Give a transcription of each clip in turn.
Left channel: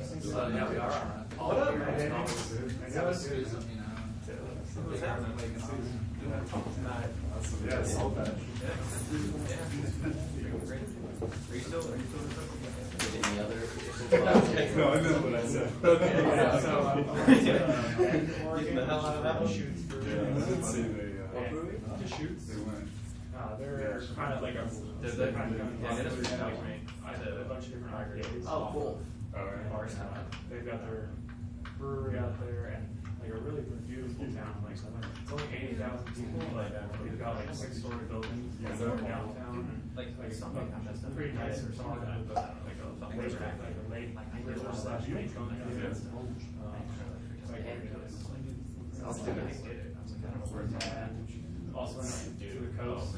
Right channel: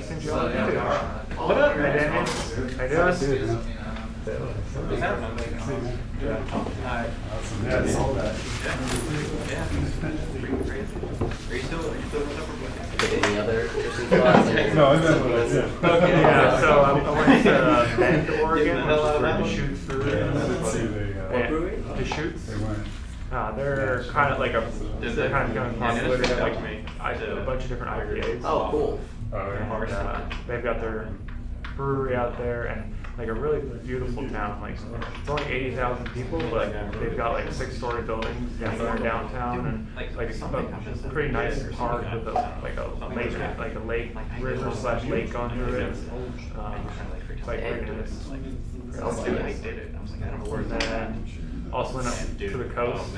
interesting job. What up, man? How you doing? Yeah, I saw that. Any other interesting thoughts? No, I know what I said. Okay, yeah, so I went to Bend, Oregon, which is where the Shoots the Shoots. They went. They're kind of like they're kind of going popular. They have like a bunch of different IPAs. Oh, cool. And, they've got their brewery out there and like a really beautiful town. Like it's only 80,000 people, but they've got like 6-story buildings downtown and like a pretty nice park with a lake river / lake going through it. It's like pretty nice. Then also went up to the coast,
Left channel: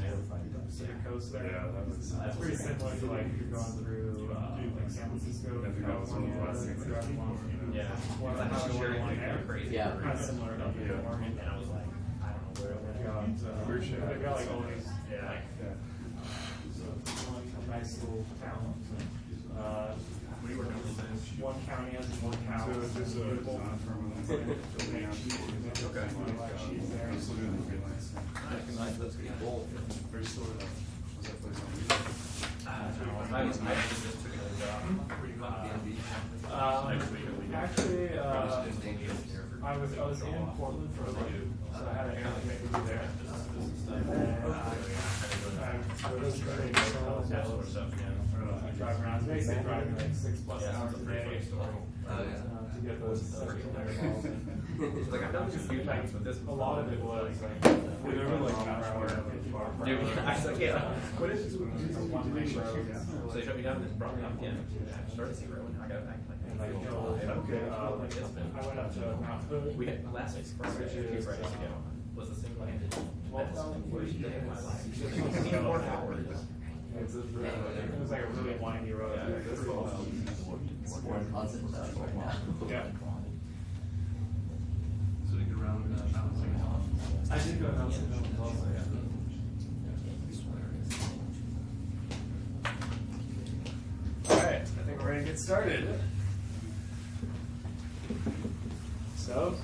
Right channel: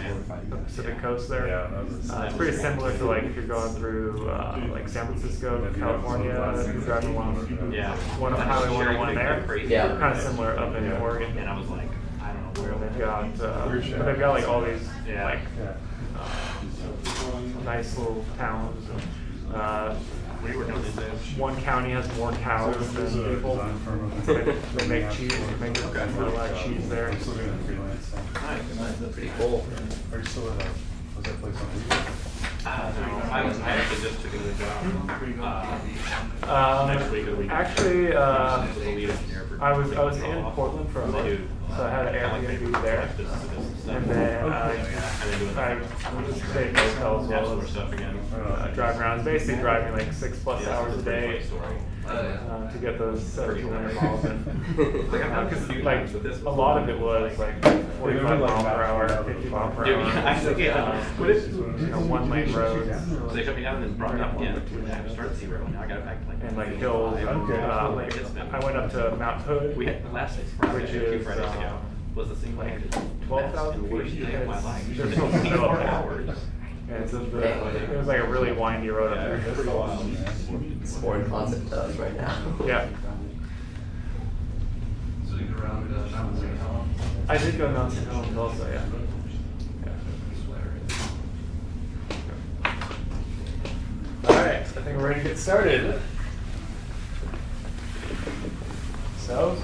the Pacific coast there. It's pretty similar to like if you're going through like San Francisco, California, if you're driving one of Highway 101 there. Yeah. Kind of similar up in Oregon. And I was like, I don't know where they've got like all these like nice little towns. One county has more cows than people. They make cheese. They make a lot of cheese there. I'm still doing freelance stuff. That's pretty cool. Are you still at was that place on weekend? I actually just took another job. Next week or the week. Actually, I was in Portland for a month, so I had an Airbnb there, and then I stayed in hotels while I was driving around. I was basically driving like 6+ hours a day to get those 1,700 miles in. Because like a lot of it was like 45 miles per hour, 50 miles per hour. One lane roads. So they shut me down and then brought me up again. I started 0. Now I got it back to like And like hills. I went up to Mount Hood, we had last which is Fridays ago. Was the thing like 12,000 worst feet. day of my life. There's no snow up there. And so it was like a really windy road up there. It's more in constant touch right now. Yeah. So you go around Mount St. Helens. I did go down St. Helens also, yeah. Alright, I think we're ready to get started. So,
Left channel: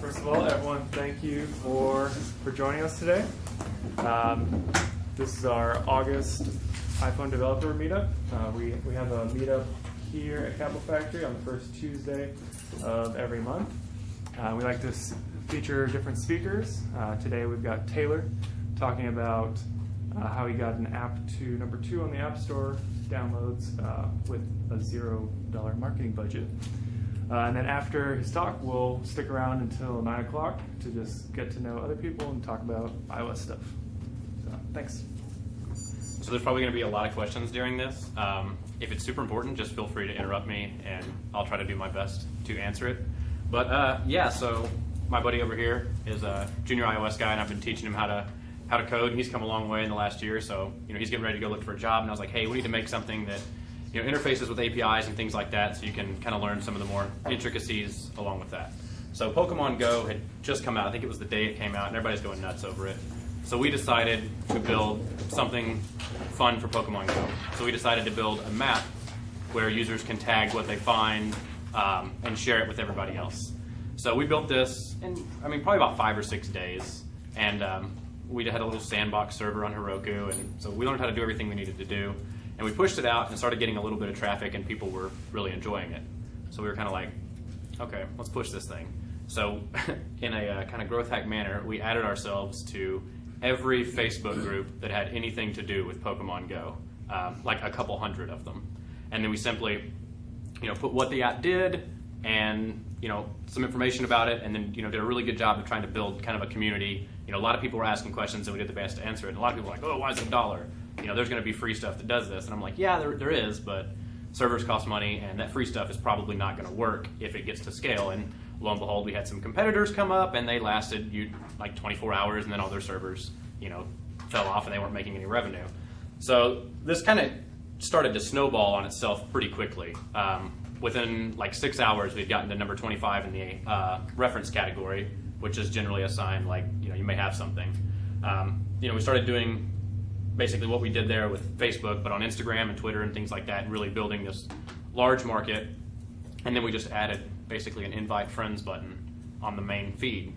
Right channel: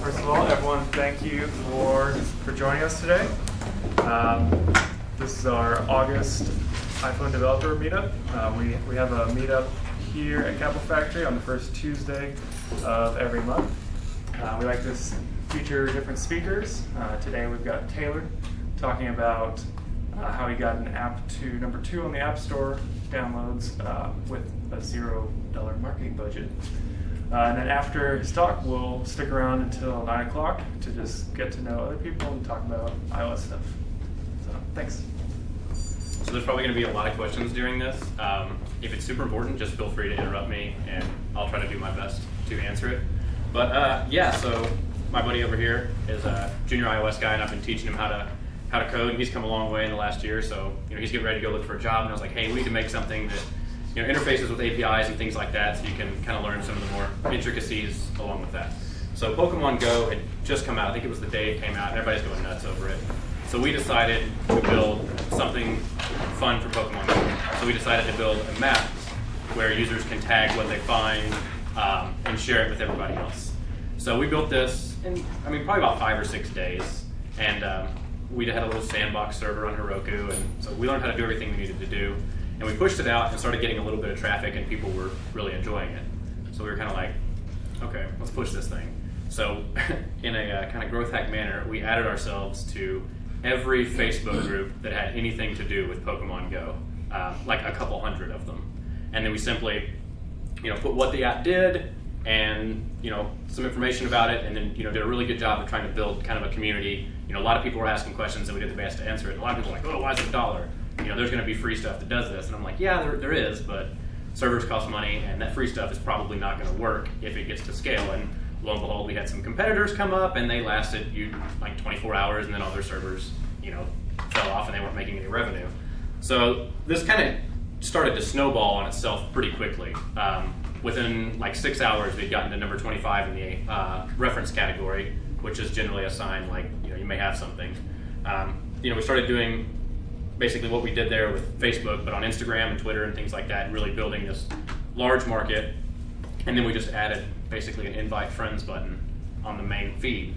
first of all, everyone, thank you for joining us today. This is our August iPhone developer meetup. We have a meetup here at Capital Factory on the first Tuesday of every month. We like to feature different speakers. Today we've got Taylor talking about how he got an app to number 2 on the App Store downloads with a $0 marketing budget. And then after his talk, we'll stick around until 9 o'clock to just get to know other people and talk about iOS stuff. So, thanks. So there's probably going to be a lot of questions during this. If it's super important, just feel free to interrupt me, and I'll try to do my best to answer it. But yeah, so my buddy over here is a junior iOS guy, and I've been teaching him how to code. And he's come a long way in the last year, so he's getting ready to go look for a job. And I was like, hey, we need to make something that interfaces with APIs and things like that, so you can kind of learn some of the more intricacies along with that. So Pokemon Go had just come out. I think it was the day it came out, and everybody's going nuts over it. So we decided to build something fun for Pokemon Go. So we decided to build a map where users can tag what they find and share it with everybody else. So we built this in, probably about 5 or 6 days. And we had a little sandbox server on Heroku, and so we learned how to do everything we needed to do. And we pushed it out and started getting a little bit of traffic, and people were really enjoying it. So we were kind of like, okay, let's push this thing. So in a kind of growth hack manner, we added ourselves to every Facebook group that had anything to do with Pokemon Go, like a couple hundred of them. And then we simply, put what the app did and, some information about it, and then, did a really good job of trying to build kind of a community. A lot of people were asking questions, and we did the best to answer it. And a lot of people were like, oh, why is it $1? There's going to be free stuff that does this. And I'm like, yeah, there is, but servers cost money, and that free stuff is probably not going to work if it gets to scale. And lo and behold, we had some competitors come up, and they lasted like 24 hours, and then all their servers, fell off, and they weren't making any revenue. So this kind of started to snowball on itself pretty quickly. Within like 6 hours, we'd gotten to number 25 in the reference category, which is generally a sign like, you may have something. We started doing basically what we did there with Facebook, but on Instagram and Twitter and things like that, and really building this large market. And then we just added basically an invite friends button on the main feed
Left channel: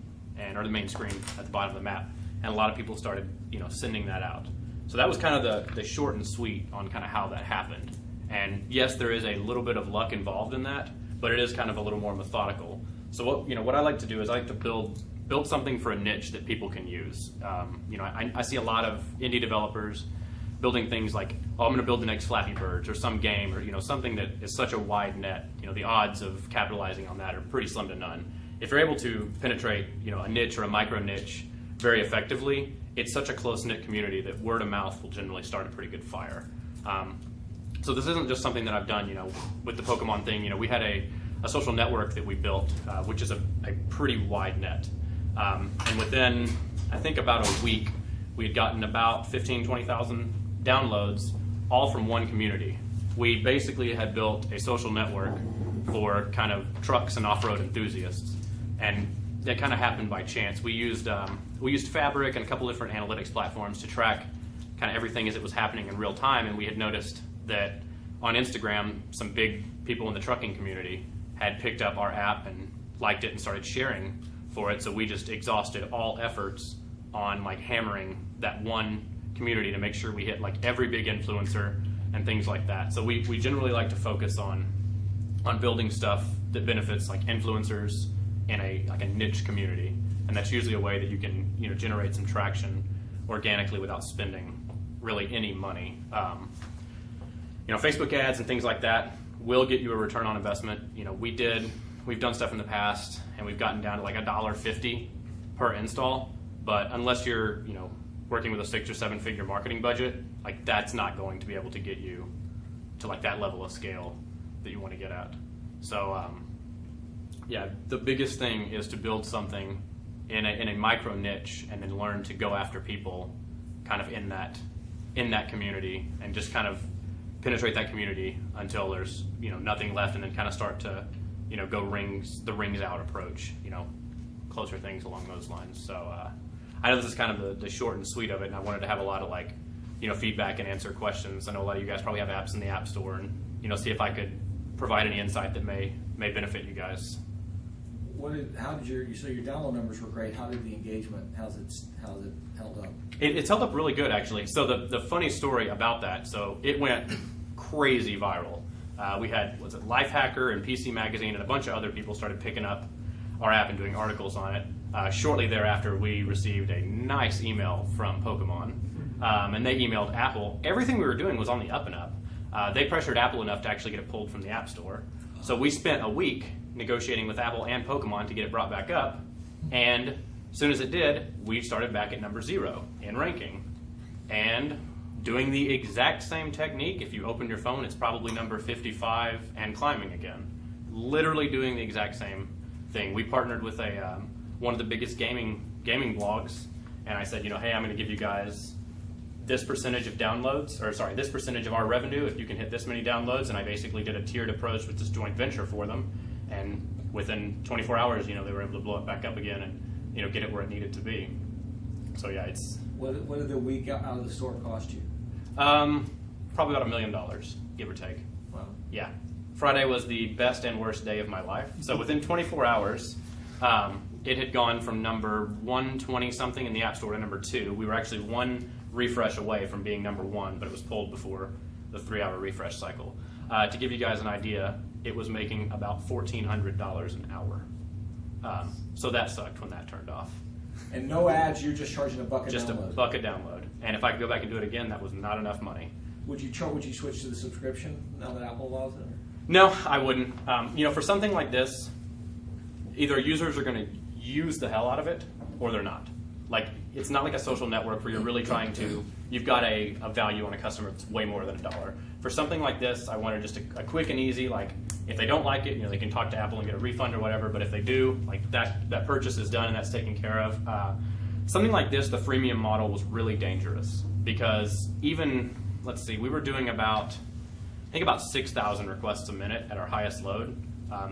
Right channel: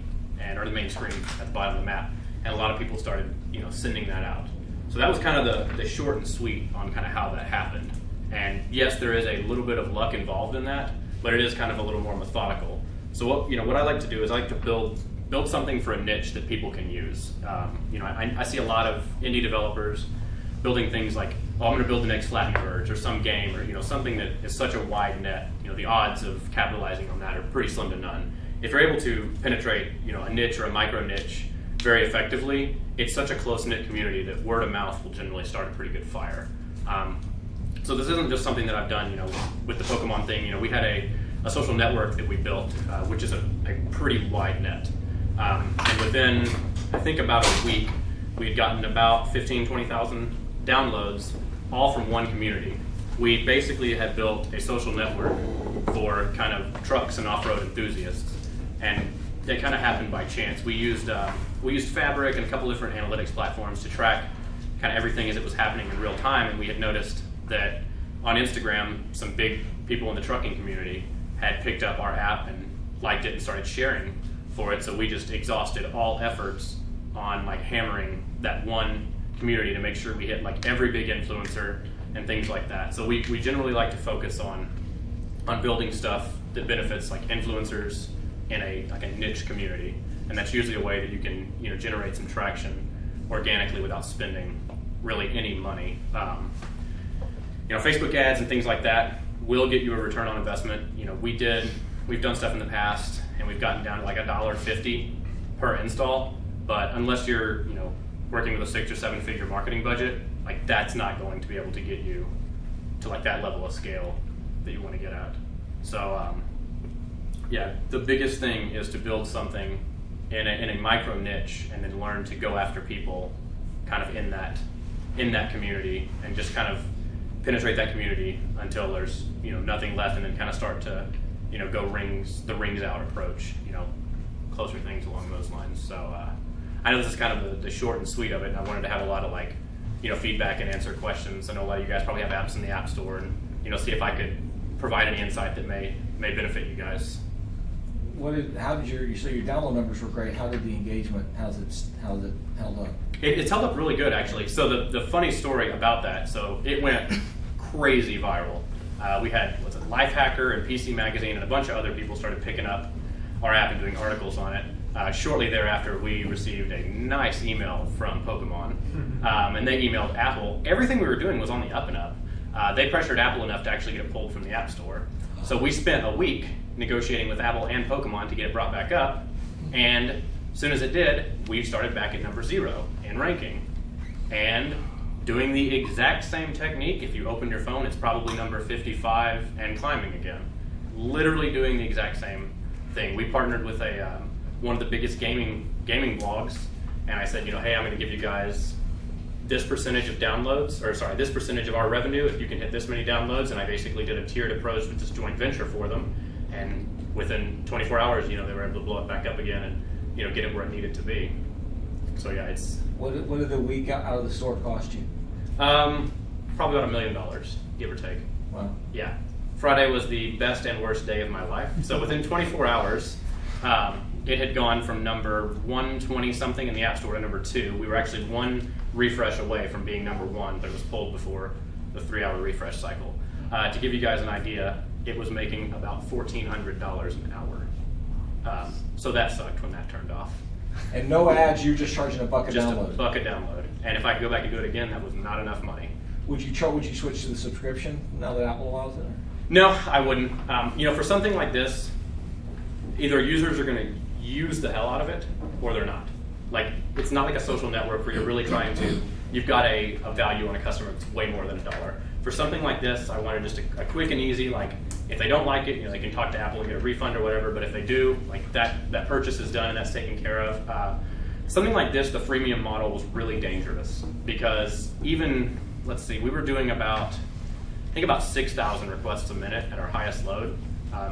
or the main screen at the bottom of the map. And a lot of people started, sending that out. So that was kind of the short and sweet on kind of how that happened. And yes, there is a little bit of luck involved in that, but it is kind of a little more methodical. So what I like to do is I like to build something for a niche that people can use. I see a lot of indie developers building things like, I'm going to build the next Flappy Birds or some game or something that is such a wide net. The odds of capitalizing on that are pretty slim to none. If you're able to penetrate a niche or a micro niche very effectively, it's such a close-knit community that word of mouth will generally start a pretty good fire. So this isn't just something that I've done with the Pokemon thing. We had a social network that we built, which is a pretty wide net. And within, I think, about a week, we had gotten about 20,000 downloads, all from one community. We basically had built a social network for kind of trucks and off-road enthusiasts, and that kind of happened by chance. We used Fabric and a couple different analytics platforms to track kind of everything as it was happening in real time, and we had noticed that on Instagram, some big people in the trucking community had picked up our app and liked it and started sharing for it. So we just exhausted all efforts on hammering that one community to make sure we hit every big influencer and things like that. So we generally like to focus on building stuff that benefits influencers in a niche community, and that's usually a way that you can generate some traction organically without spending really any money. Facebook ads and things like that will get you a return on investment. We've done stuff in the past and we've gotten down to $1.50 per install, but unless you're working with a 6 or 7 figure marketing budget, that's not going to be able to get you to that level of scale that you want to get at. So the biggest thing is to build something in a micro niche and then learn to go after people kind of in that community and just kind of penetrate that community until there's nothing left, and then kind of start to go the rings out approach, closer things along those lines. So I know this is kind of the short and sweet of it, and I wanted to have a lot of feedback and answer questions. I know a lot of you guys probably have apps in the App Store, and see if I could provide any insight that may benefit you guys. So your download numbers were great. How did the engagement? How's it held up? It's held up really good, actually. So the funny story about that, so it went crazy viral. We had Lifehacker and PC Magazine and a bunch of other people started picking up our app and doing articles on it. Shortly thereafter, we received a nice email from Pokemon, and they emailed Apple. Everything we were doing was on the up and up. They pressured Apple enough to actually get it pulled from the App Store. So we spent a week negotiating with Apple and Pokemon to get it brought back up, and as soon as it did, we started back at number 0 in ranking. And doing the exact same technique, if you open your phone, it's probably number 55 and climbing again. Literally doing the exact same thing. We partnered with one of the biggest gaming blogs, and I said, hey, I'm going to give you guys this percentage of downloads, this percentage of our revenue if you can hit this many downloads, and I basically did a tiered approach with this joint venture for them, and within 24 hours, they were able to blow it back up again and, get it where it needed to be. So yeah, it's... What did the week out of the store cost you? Probably about $1 million, give or take. Wow. Yeah. Friday was the best and worst day of my life. So within 24 hours, it had gone from number 120 something in the App Store to number 2. We were actually one refresh away from being number 1, but it was pulled before the 3-hour refresh cycle. To give you guys an idea, it was making about $1,400 an hour. So that sucked when that turned off. And no ads, you're just charging a buck a Just download. a buck a download. And if I could go back and do it again, that was not enough money. Would you switch to the subscription now that Apple allows it? No, I wouldn't. For something like this, either users are going to use the hell out of it, or they're not. It's not like a social network where you're really trying to, you've got a value on a customer that's way more than $1. For something like this, I wanted just a quick and easy, if they don't like it, they can talk to Apple and get a refund or whatever, but if they do, that purchase is done and that's taken care of. Something like this, the freemium model was really dangerous because even, we were doing about 6,000 requests a minute at our highest load.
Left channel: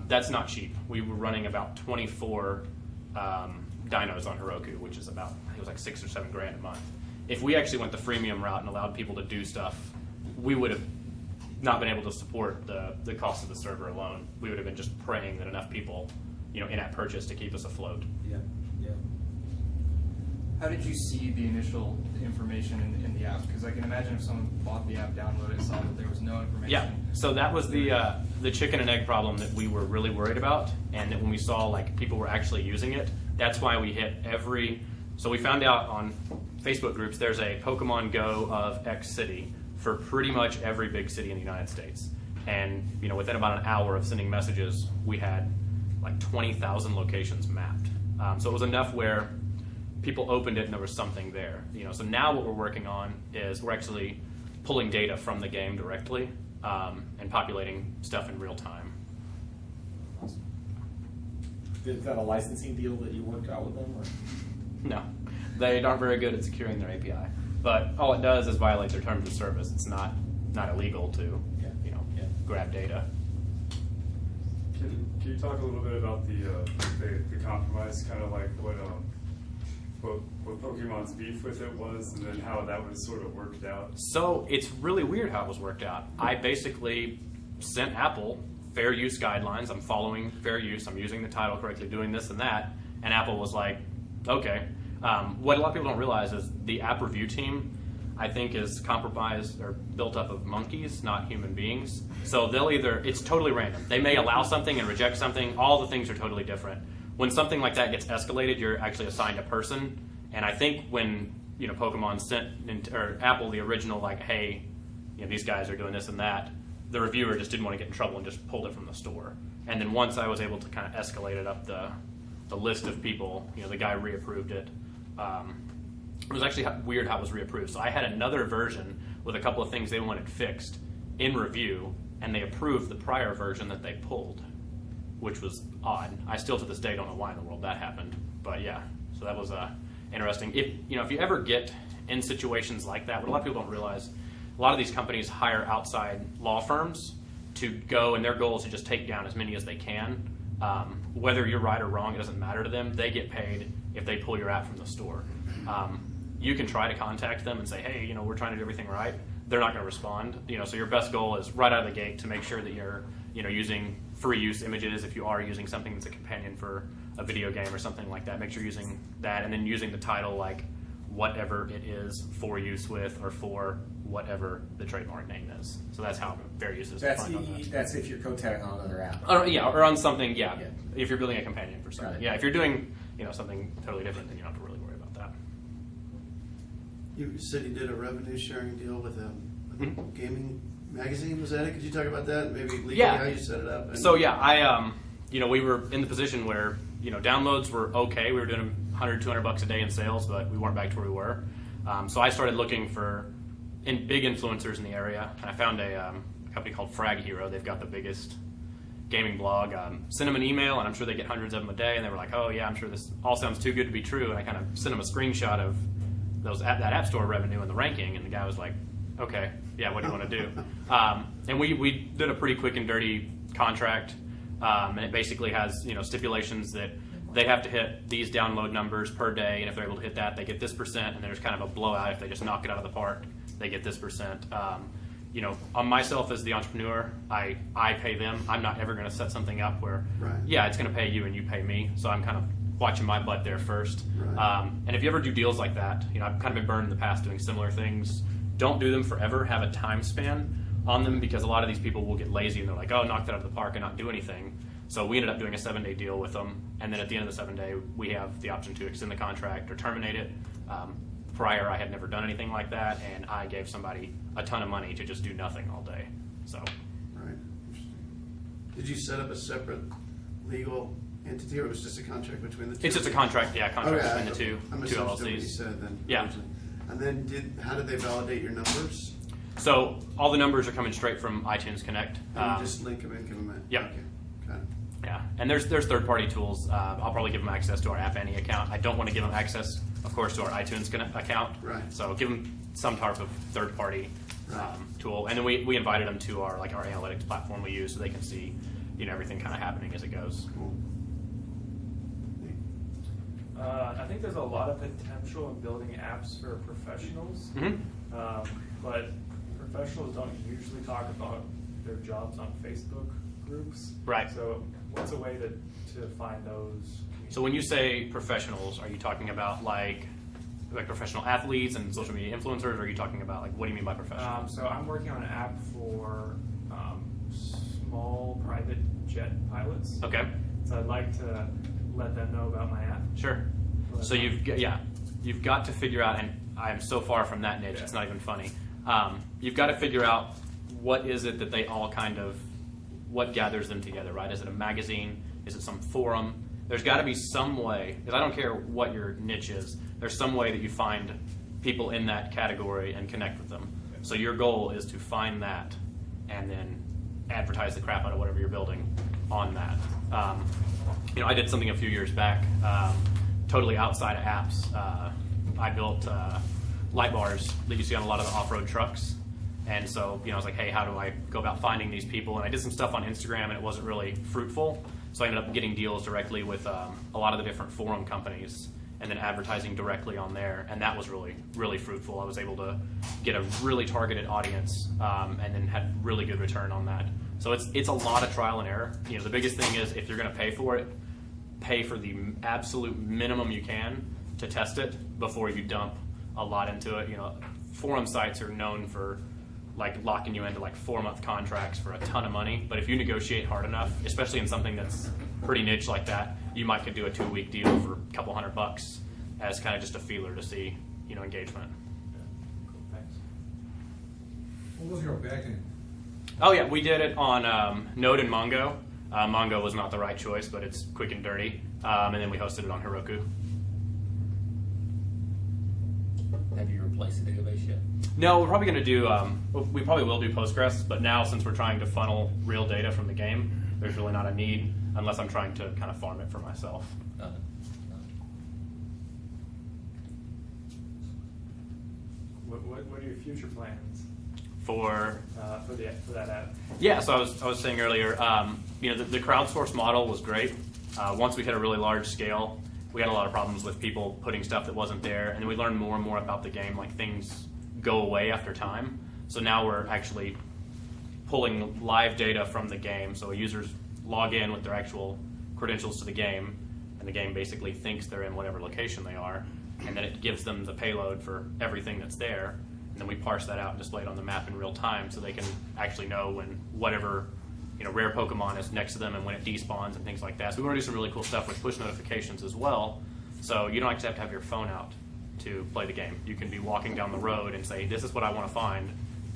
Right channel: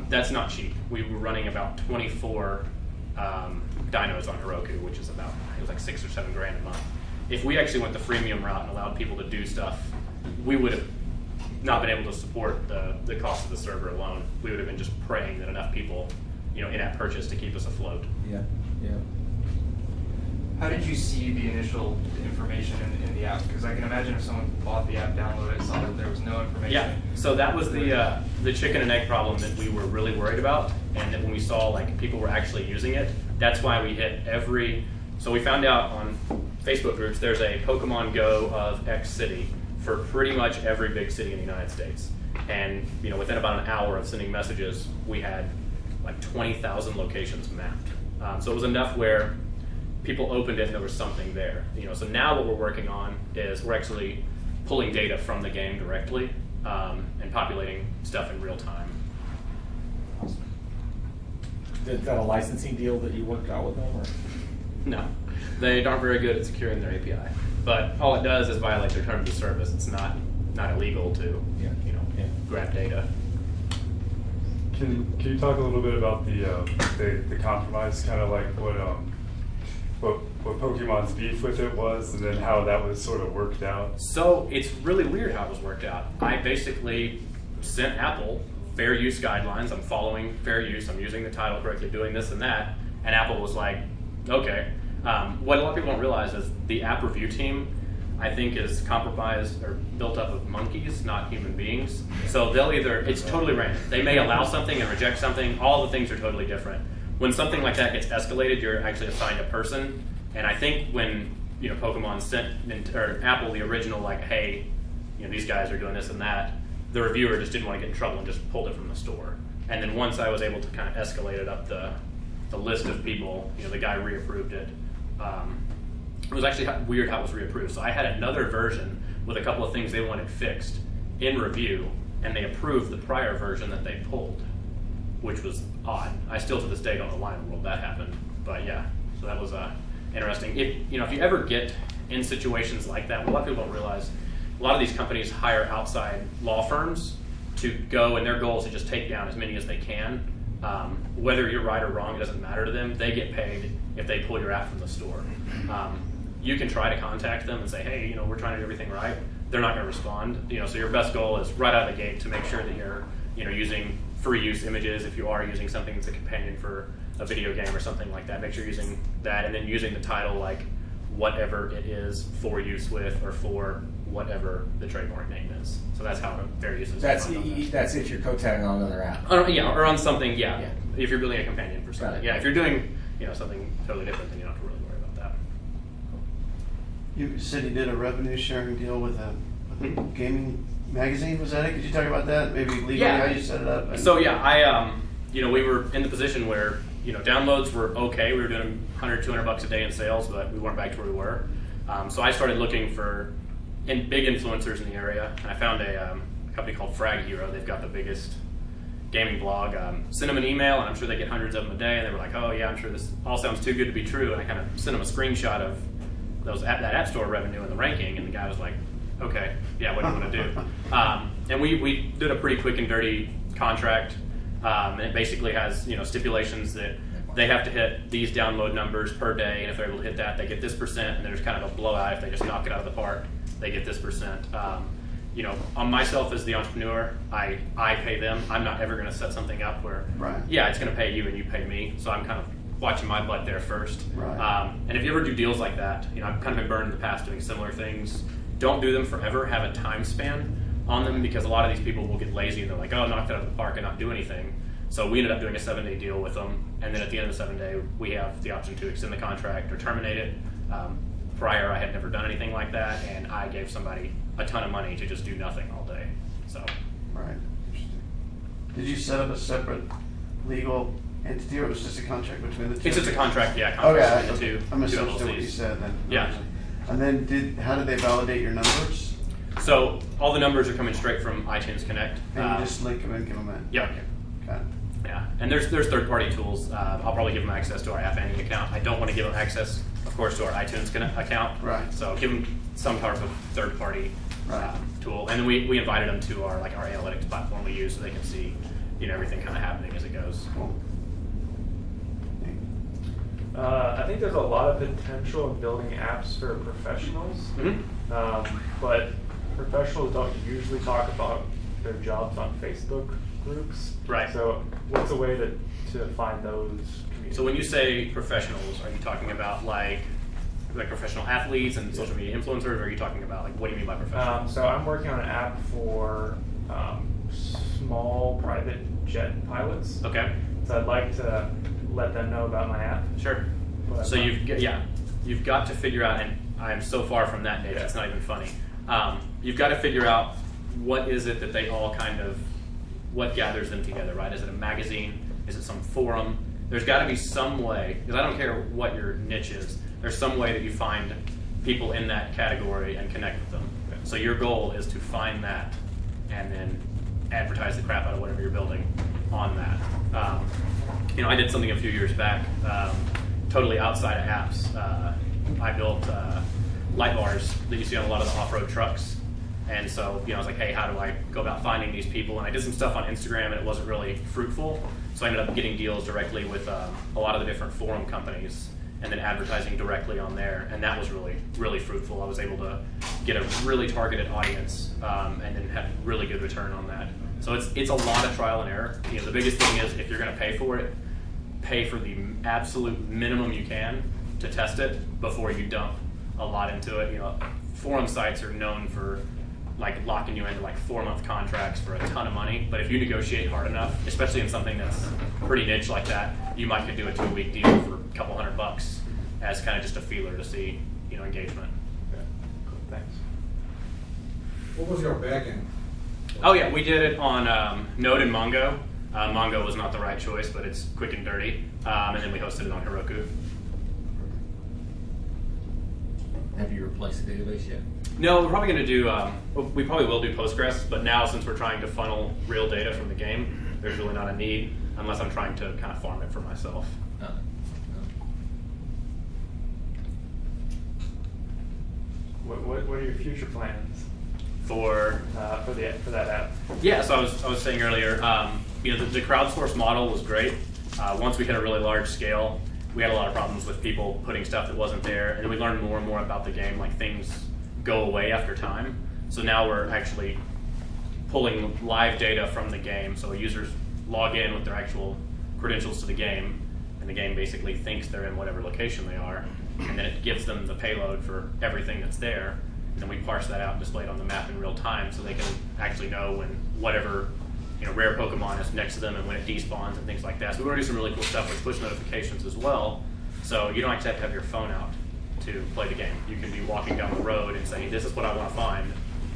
That's not cheap. We were running about 24 dynos on Heroku, which is about, it was $6 or $7 grand a month. If we actually went the freemium route and allowed people to do stuff, we would have not been able to support the cost of the server alone. We would have been just praying that enough people, in-app purchase to keep us afloat. Yeah, yeah. How did you see the initial information in the app? Because I can imagine if someone bought the app, downloaded it, saw that there was no information. Yeah, so that was the chicken and egg problem that we were really worried about, and that when we saw like people were actually using it, that's why we hit so we found out on Facebook groups there's a Pokemon Go of X city for pretty much every big city in the United States. And within about an hour of sending messages, we had like 20,000 locations mapped. So it was enough where people opened it and there was something there. So now what we're working on is we're actually pulling data from the game directly and populating stuff in real time. Is that a licensing deal that you worked out with them, or? No, they aren't very good at securing their API. But all it does is violate their terms of service. It's not illegal to grab data. Can you talk a little bit about the compromise, kind of like what Pokemon's beef with it was, and then how that was sort of worked out? So it's really weird how it was worked out. I basically sent Apple fair use guidelines. I'm following fair use. I'm using the title correctly, doing this and that. And Apple was like, okay. What a lot of people don't realize is the app review team, I think, is compromised or built up of monkeys, not human beings. So it's totally random. They may allow something and reject something. All the things are totally different. When something like that gets escalated, you're actually assigned a person. And I think when Pokemon sent or Apple the original like, hey, these guys are doing this and that, the reviewer just didn't want to get in trouble and just pulled it from the store. And then once I was able to kind of escalate it up the list of people, the guy reapproved it. It was actually weird how it was reapproved. So I had another version with a couple of things they wanted fixed in review, and they approved the prior version that they pulled, which was odd. I still to this day don't know why in the world that happened, but yeah. So that was interesting. If you ever get in situations like that, what a lot of people don't realize, a lot of these companies hire outside law firms to go, and their goal is to just take down as many as they can. Whether you're right or wrong, it doesn't matter to them. They get paid if they pull your app from the store. You can try to contact them and say, hey, we're trying to do everything right. They're not going to respond. So your best goal is right out of the gate to make sure that you're, using free use images. If you are using something that's a companion for a video game or something like that, make sure you're using that, and then using the title like whatever it is for use with or for whatever the trademark name is. So that's how fair use is. That's if you're co-tagging on another app. Or on something, yeah. Yeah. If you're building a companion for something. Got it. Yeah, if you're doing something totally different, then you don't have to really worry about that. You said you did a revenue sharing deal with a Mhm. gaming magazine, was that it? Could you talk about that? Maybe legally Yeah. how you set it up? So yeah, I we were in the position where downloads were okay. We were doing $100, $200 a day in sales, but we weren't back to where we were. So I started looking for big influencers in the area, and I found a company called Frag Hero. They've got the biggest gaming blog. Sent them an email, and I'm sure they get hundreds of them a day. And they were like, "Oh yeah, I'm sure this all sounds too good to be true." And I kind of sent them a screenshot of that App Store revenue and the ranking, and the guy was like, "Okay, yeah, what do you want to do?" And we did a pretty quick and dirty contract, and it basically has stipulations that they have to hit these download numbers per day, and if they're able to hit that, they get this percent, and there's kind of a blowout if they just knock it out of the park, they get this percent. On myself as the entrepreneur, I pay them. I'm not ever going to set something up where, Right. yeah, it's going to pay you and you pay me. So I'm kind of watching my butt there first. Right. And if you ever do deals like that, I've kind of been burned in the past doing similar things. Don't do them forever. Have a time span on them, because a lot of these people will get lazy and they're like, oh, I knocked it out of the park and not do anything. So we ended up doing a 7-day deal with them, and then at the end of the 7 day, we have the option to extend the contract or terminate it. Prior, I had never done anything like that, and I gave somebody a ton of money to just do nothing all day. So Right. Interesting. Did you set up a separate legal entity, or was it just a contract between the two? it's just a contract, yeah, Okay, contract between the I two misunderstood what you LLCs. said then. Yeah. originally. And then how did they validate your numbers? So all the numbers are coming straight from iTunes Connect. And you just link them in, give them in? Yep. Okay. Got it. Yeah, and there's third-party tools. I'll probably give them access to our App Annie account. I don't want to give them access, of course, to our iTunes account. Right. So give them some type of third-party Right. tool, and then we invited them to our analytics platform we use, so they can see everything kind of happening as it goes. Cool. I think there's a lot of potential in building apps for professionals, Mhm. but professionals don't usually talk about their jobs on Facebook groups. Right. So what's a way to find those communities? So when you say professionals, are you talking about like professional athletes and social media influencers, or are you talking about like, what do you mean by professional? So I'm working on an app for small private jet pilots. Okay. So I'd like to let them know about my app. Sure. Well, So you've got to figure out, and I'm so far from that age, Yeah. it's not even funny. You've got to figure out what is it that they all what gathers them together, right? Is it a magazine? Is it some forum? There's got to be some way, because I don't care what your niche is, there's some way that you find people in that category and connect with them. So your goal is to find that and then advertise the crap out of whatever you're building on that. I did something a few years back, totally outside of apps. I built light bars that you see on a lot of the off-road trucks. And so, I was like, hey, how do I go about finding these people? And I did some stuff on Instagram, and it wasn't really fruitful. So I ended up getting deals directly with a lot of the different forum companies and then advertising directly on there. And that was really, really fruitful. I was able to get a really targeted audience and then have really good return on that. So it's a lot of trial and error. The biggest thing is if you're going to pay for it, pay for the absolute minimum you can to test it before you dump a lot into it. Forum sites are known for like locking you into like 4-month contracts for a ton of money. But if you negotiate hard enough, especially in something that's pretty niche like that, you might could do a 2-week deal for a couple $100 as kind of just a feeler to see, engagement. Okay. Cool. Thanks. What was your backend? Oh yeah, we did it on Node and Mongo. Mongo was not the right choice, but it's quick and dirty. And then we hosted it on Heroku. Have you replaced the database yet? No, we're probably going to do, we probably will do Postgres, but now since we're trying to funnel real data from the game, there's really not a need unless I'm trying to kind of farm it for myself. What are your future plans For for that app? Yeah, so I was saying earlier, the crowdsource model was great. Once we hit a really large scale, we had a lot of problems with people putting stuff that wasn't there, and we learned more and more about the game, like things go away after time. So now we're actually pulling live data from the game, so users log in with their actual credentials to the game, and the game basically thinks they're in whatever location they are, and then it gives them the payload for everything that's there, and then we parse that out and display it on the map in real time so they can actually know when whatever rare Pokemon is next to them and when it despawns and things like that. So we want to do some really cool stuff with push notifications as well. So you don't actually have to have your phone out to play the game. You can be walking down the road and say, this is what I want to find.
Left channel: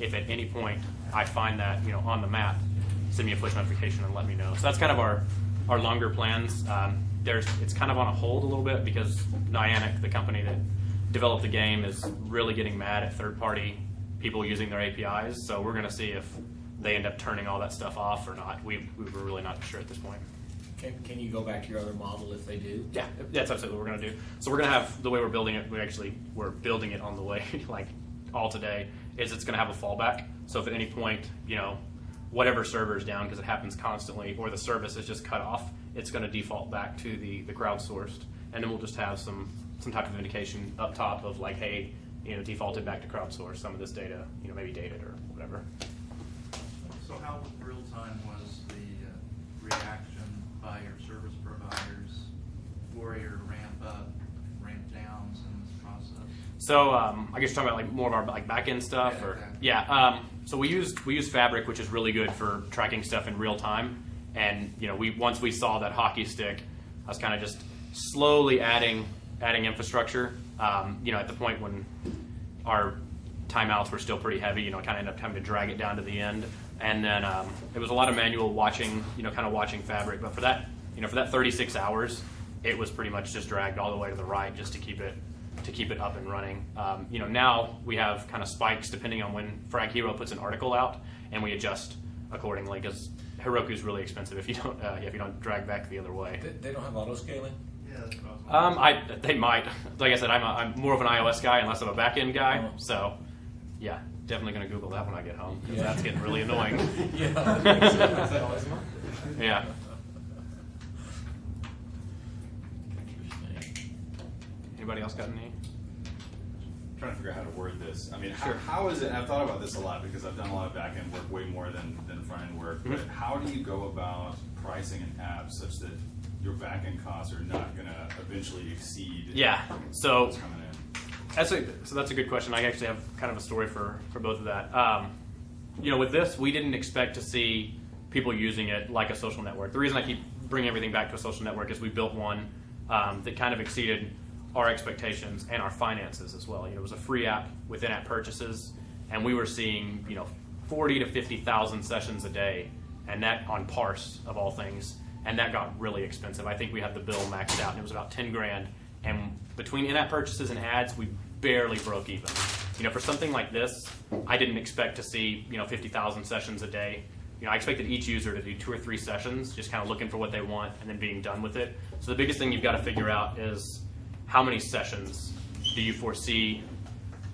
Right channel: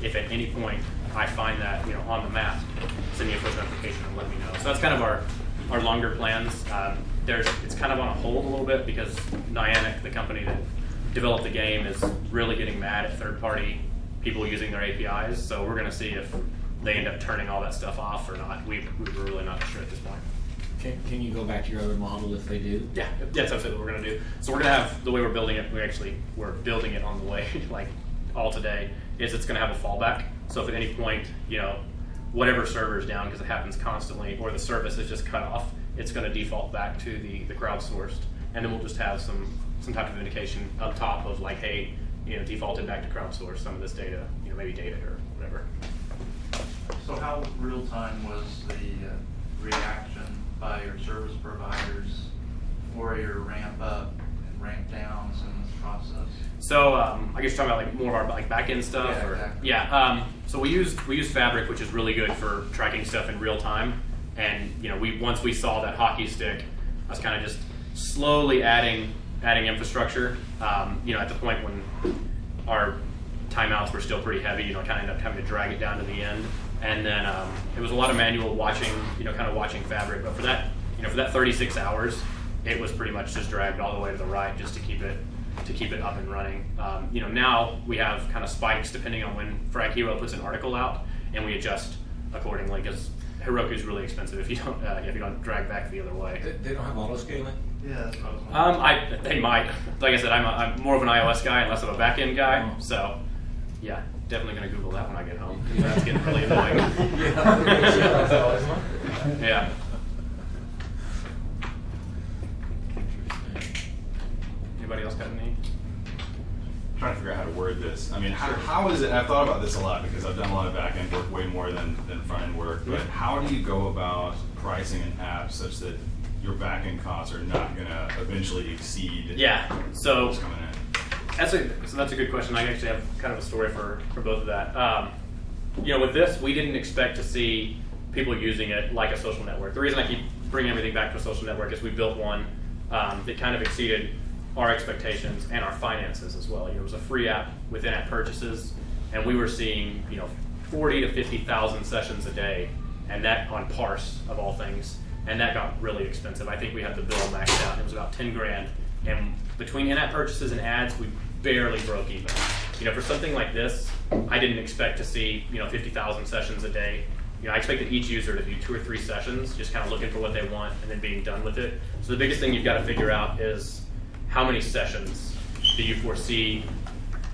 If at any point I find that on the map, send me a push notification and let me know. So that's kind of our longer plans. It's kind of on a hold a little bit because Niantic, the company that developed the game, is really getting mad at third-party people using their APIs. So we're going to see if they end up turning all that stuff off or not. We were really not sure at this point. Can you go back to your other model if they do? Yeah, that's what we're going to do. So we're going to have, the way we're building it, we're building it on the way, like all today, is it's going to have a fallback. So if at any point, whatever server is down, because it happens constantly, or the service is just cut off, it's going to default back to the crowdsourced. And then we'll just have some type of indication up top of like, hey, defaulted back to crowdsourced, some of this data, maybe dated or whatever. So how real time was the reaction by your service providers for your ramp up and ramp downs in this process? So I guess you're talking about like more of our like back end stuff, Yeah, or exactly. yeah. So we use Fabric, which is really good for tracking stuff in real time. And once we saw that hockey stick, I was kind of just slowly adding infrastructure. At the point when our timeouts were still pretty heavy, kind of ended up having to drag it down to the end. And then it was a lot of manual watching, kind of watching Fabric. But for that, for that 36 hours, it was pretty much just dragged all the way to the right just to keep it up and running. Now we have kind of spikes depending on when Frag Hero puts an article out, and we adjust accordingly because Heroku is really expensive if you don't drag back the other way. They don't have auto scaling? Yeah, that's what I was wondering. They might. Like I said, I'm more of an iOS guy and less of a back end guy. Oh. So, yeah, definitely gonna Google that when I get home. That's getting really annoying. Yeah. Anybody else got any? Trying to figure out how to word word this. I mean, how is it, I've thought about this a lot because I've done a lot of back end work, way more than front end work, but how do you go about pricing an app such that your back end costs are not gonna eventually exceed So what's coming in? that's a good question. I actually have kind of a story for both of that. With this, we didn't expect to see people using it like a social network. The reason I keep bringing everything back to a social network is we built one that kind of exceeded our expectations and our finances as well. It was a free app with in-app purchases, and we were seeing 40 to 50,000 sessions a day, and that on parse of all things, and that got really expensive. I think we had the bill maxed out. It was about 10 grand, and between in-app purchases and ads, we barely broke even. For something like this, I didn't expect to see 50,000 sessions a day. I expected each user to do 2 or 3 sessions, just kind of looking for what they want and then being done with it. So the biggest thing you've got to figure out is how many sessions do you foresee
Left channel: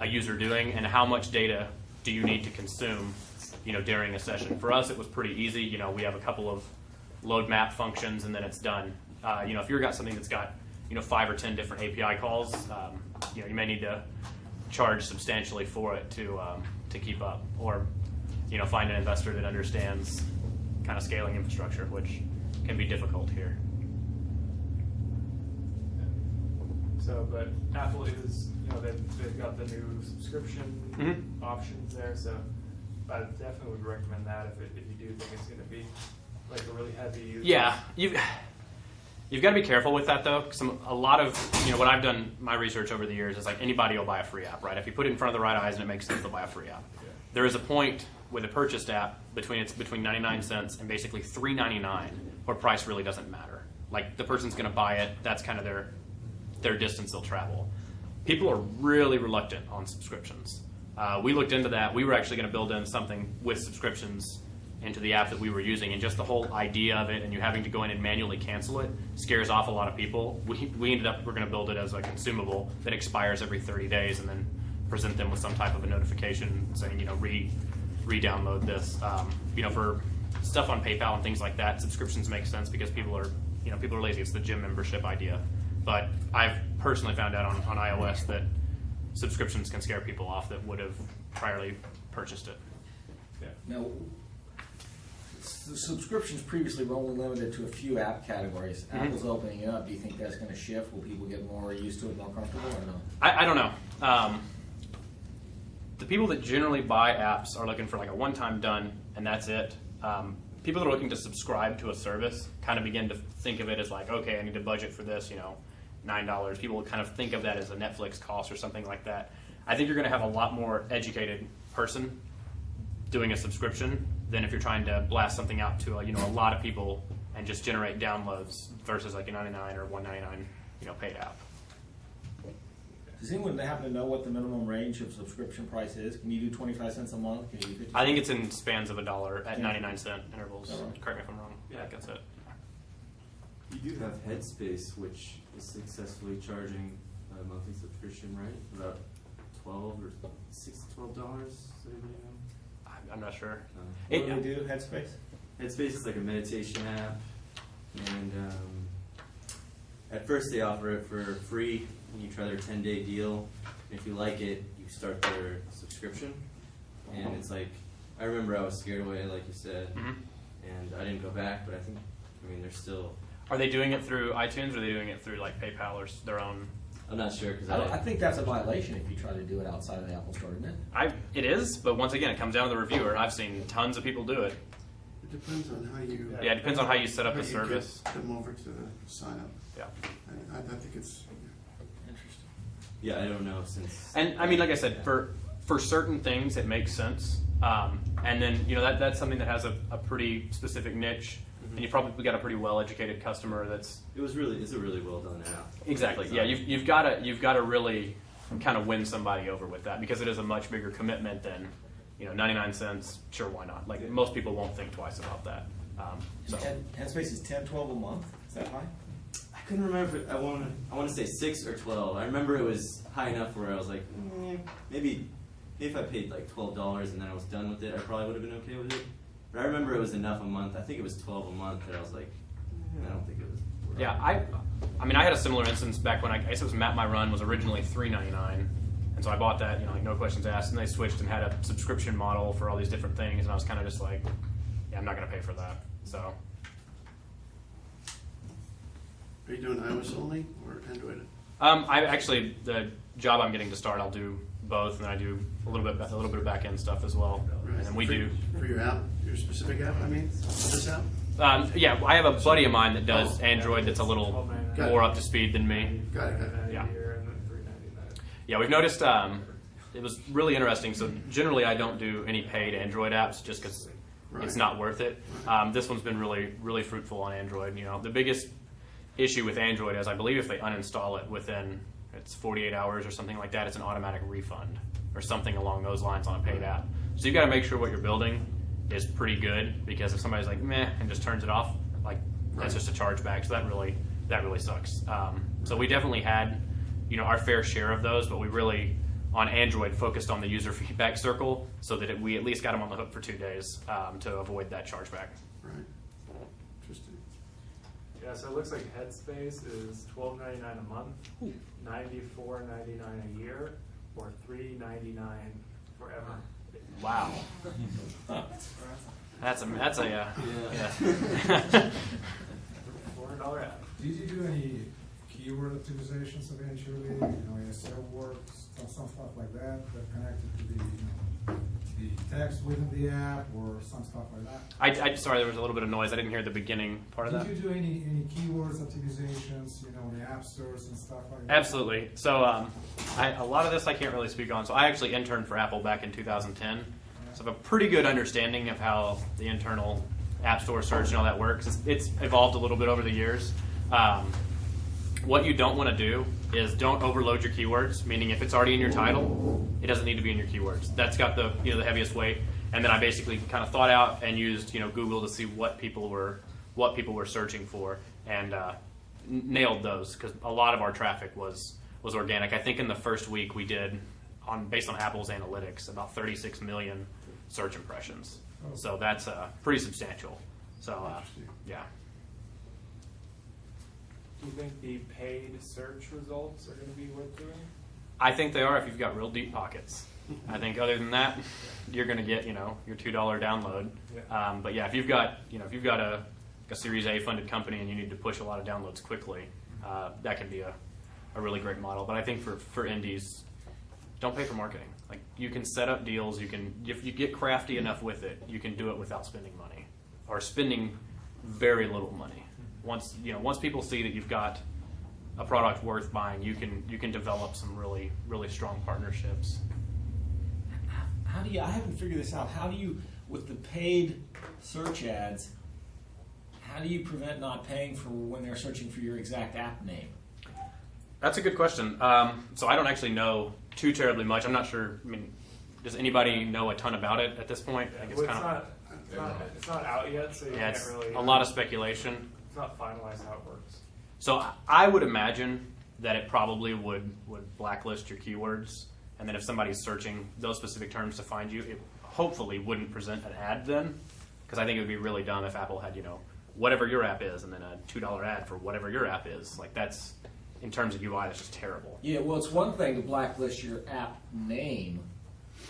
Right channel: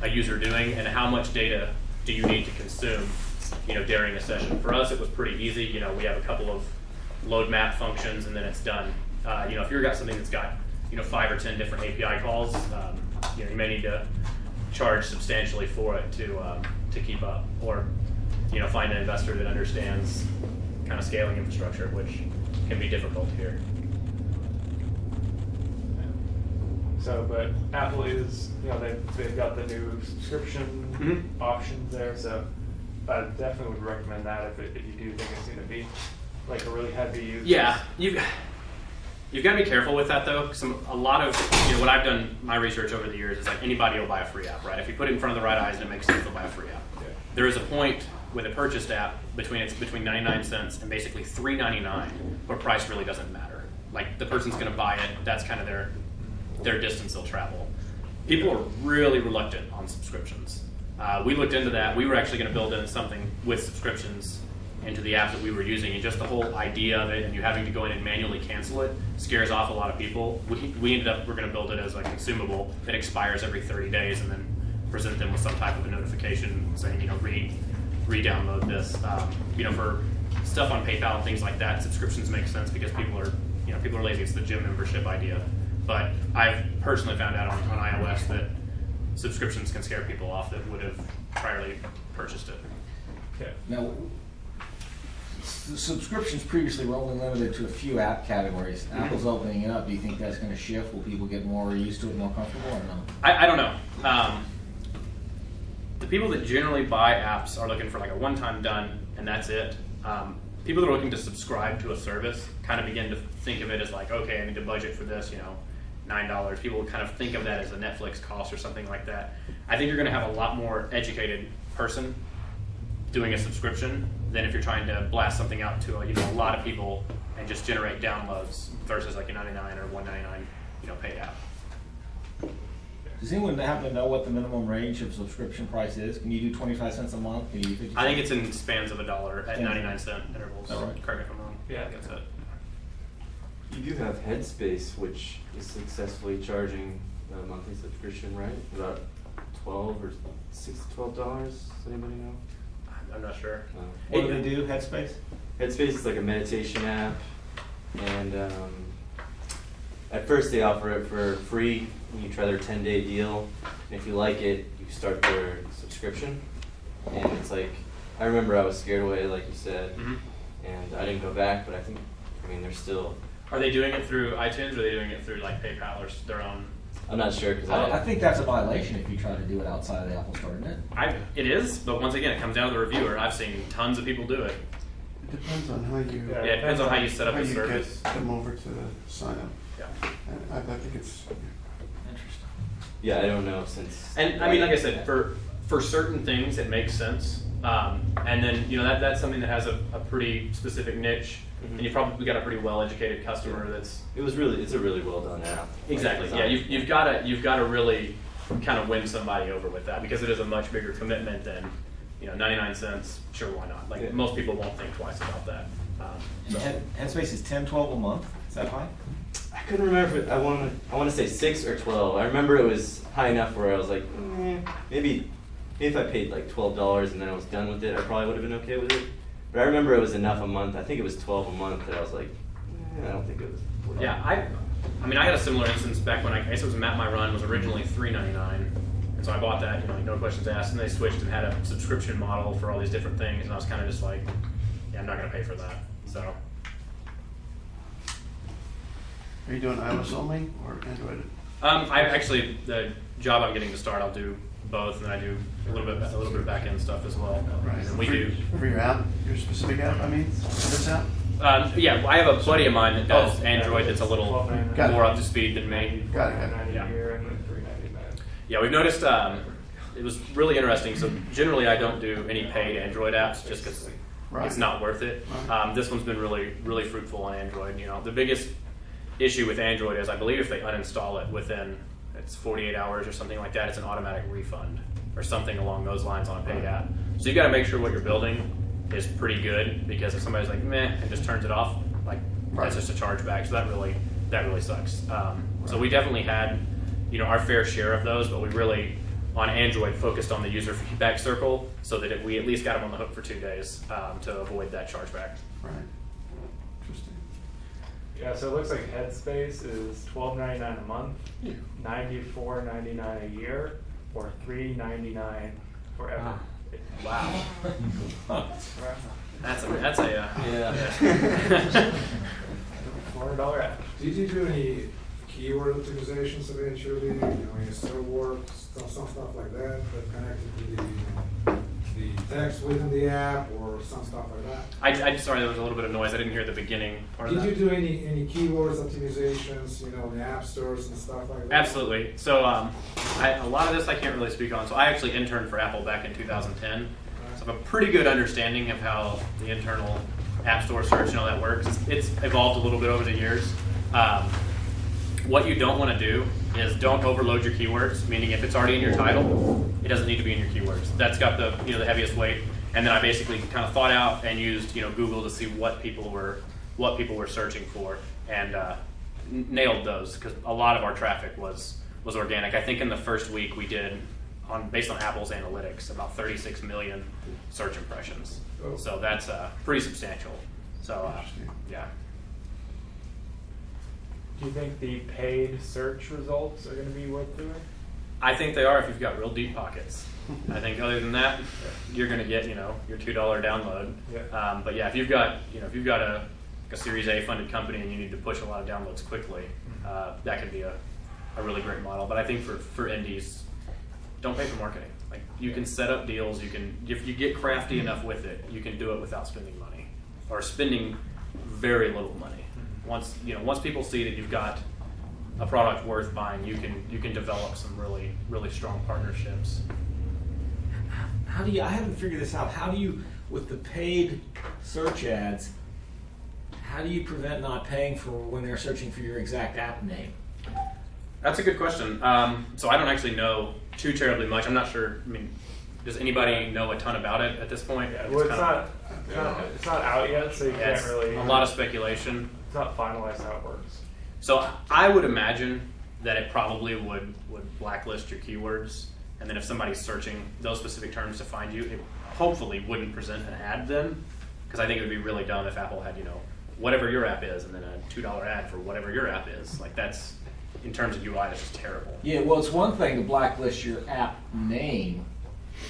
a user doing, and how much data do you need to consume, during a session. For us, it was pretty easy. We have a couple of load map functions, and then it's done. If you've got something that's got 5 or 10 different API calls, you may need to charge substantially for it to keep up, or find an investor that understands kind of scaling infrastructure, which can be difficult here. So, but Apple is, they've got the new subscription options there, so I definitely would recommend that if you do think it's going to be like a really heavy use. Yeah, you've got to be careful with that though, because a lot of what I've done, my research over the years is like anybody will buy a free app, right? If you put it in front of the right eyes and it makes sense, they'll buy a free app. Yeah. There is a point with a purchased app between 99 cents and basically $3.99, where price really doesn't matter. Like the person's going to buy it, that's kind of their distance they'll travel. People are really reluctant on subscriptions. We looked into that. We were actually going to build in something with subscriptions into the app that we were using, and just the whole idea of it and you having to go in and manually cancel it scares ooff a lot of people. We ended up, we're going to build it as a consumable that expires every 30 days and then present them with some type of a notification saying, re-download this. For stuff on PayPal and things like that, subscriptions make sense because people are lazy. It's the gym membership idea. But I've personally found out on iOS that subscriptions can scare people off that would have priorly purchased it. Yeah. Now, the subscriptions previously were only limited to a few app categories. Apple's opening it up. Do you think that's going to shift? Will people get more used to it, more comfortable, or no? I don't know. The people that generally buy apps are looking for like a one-time done, and that's it. People that are looking to subscribe to a service kind of begin to think of it as like, okay, I need to budget for this, $9. People would kind of think of that as a Netflix cost or something like that. I think you're going to have a lot more educated person doing a subscription than if you're trying to blast something out to a lot of people and just generate downloads versus like a $99 or $199 paid app. Does anyone happen to know what the minimum range of subscription price is? Can you do 25 cents a month? Can you do 50 I think it's in spans of $1 at 99-cent intervals. Is that right? Correct me if I'm wrong. Yeah, that's it. You do have Headspace, which is successfully charging a monthly subscription, right? About $12 or $6 to $12. Does anybody know? I'm not sure. What do they do, Headspace? Headspace is like a meditation app, and at first they offer it for free. You try their 10-day deal, and if you like it, you start their subscription. And it's like, I remember I was scared away, like you said, and I didn't go back. But they're still. Are they doing it through iTunes, or are they doing it through like PayPal or their own? I'm not sure because I think that's a violation if you try to do it outside of the Apple Store, isn't it? It is, but once again, it comes down to the reviewer, and I've seen tons of people do it. It depends on how you. Yeah, it depends on how you set up how the you service. get them over to sign up. Yeah. And I think it's. Interesting. Yeah, I don't know since. And like I said, for certain things it makes sense, and then that's something that has a pretty specific niche, and you probably got a pretty well educated customer that's. It's a really well done app. Exactly. Yeah, you've got to really kind of win somebody over with that, because it is a much bigger commitment than 99 cents. Sure, why not? Like most people won't think twice about that. So. Headspace is $10-12 a month. Is that high? I couldn't remember. I want to say 6 or 12. I remember it was high enough where I was like, maybe if I paid like $12 and then I was done with it, I probably would have been okay with it. But I remember it was enough a month. I think it was 12 a month that I was like, I don't think it was. Yeah, I had a similar instance back when I guess it was Map My Run was originally $3.99, And so I bought that, you know, like no questions asked, and they switched and had a subscription model for all these different things, and I was kind of just like, yeah, I'm not gonna pay for that. So Are you doing iOS only or Android? I actually, the job I'm getting to start, I'll do both, and then I do a little bit of back end stuff as well. Right. And we for, do. For your app, your specific app, I mean, for this app? Yeah, I have a buddy of mine that does Android that's a little Got it. more up to speed than me. Got it, got it. Yeah. $3.99. Yeah, we've noticed it was really interesting. So generally, I don't do any paid Android apps just because Right. it's not worth it. Right. This one's been really, really fruitful on Android. You know, the biggest issue with Android is I believe if they uninstall it within 48 hours or something like that, it's an automatic refund or something along those lines on a paid app. So you got to make sure what you're building is pretty good, because if somebody's like meh and just turns it off, like that's just a chargeback. So that really sucks. So we definitely had, you know, our fair share of those, but we really on Android focused on the user feedback circle so that we at least got them on the hook for 2 days to avoid that chargeback. Right. Interesting. Yeah, so it looks like Headspace is $12.99 a month, $94.99 a year, or $3.99 forever. Wow. That's a Yeah. $400 app. Did you do any keyword optimizations eventually, you know, in server work, some stuff like that, that connected to the text within the app or some stuff like that? I sorry, there was a little bit of noise. I didn't hear the beginning part of Did that. you do any keywords optimizations, you know, in the app stores and stuff like that? Absolutely. So a lot of this I can't really speak on. So I actually interned for Apple back in 2010. So I have a pretty good understanding of how the internal App Store search and all that works. It's evolved a little bit over the years. What you don't want to do is don't overload your keywords, meaning if it's already in your title, it doesn't need to be in your keywords. That's got the, you know, the heaviest weight. And then I basically kind of thought out and used, you know, Google to see what people were searching for, and nailed those, because a lot of our traffic was organic. I think in the first week we did, based on Apple's analytics, about 36 million search impressions. Oh. So that's pretty substantial. So Interesting. yeah. Do you think the paid search results are going to be worth doing? I think they are if you've got real deep pockets. I think other than that, you're going to get, you know, your $2 download. Yeah. But yeah, if you've got a Series A funded company and you need to push a lot of downloads quickly, that could be a really great model. But I think for indies, don't pay for marketing. Like, you can set up deals. You can, if you get crafty enough with it, you can do it without spending money or spending very little money. Once people see that you've got a product worth buying, you can develop some really, really strong partnerships. How do you, I haven't figured this out, how do you, with the paid search ads, how do you prevent not paying for when they're searching for your exact app name? That's a good question. So I don't actually know too terribly much. I'm not sure. I mean, does anybody know a ton about it at this point? Well, it's not out yet, so you Yeah, can't really. a lot of speculation. It's not finalized how it works. So I would imagine that it probably would blacklist your keywords, and then if somebody's searching those specific terms to find you, it hopefully wouldn't present an ad then, because I think it would be really dumb if Apple had, you know, whatever your app is and then a $2 ad for whatever your app is. Like, that's, in terms of UI, that's just terrible. Yeah, well, it's one thing to blacklist your app name,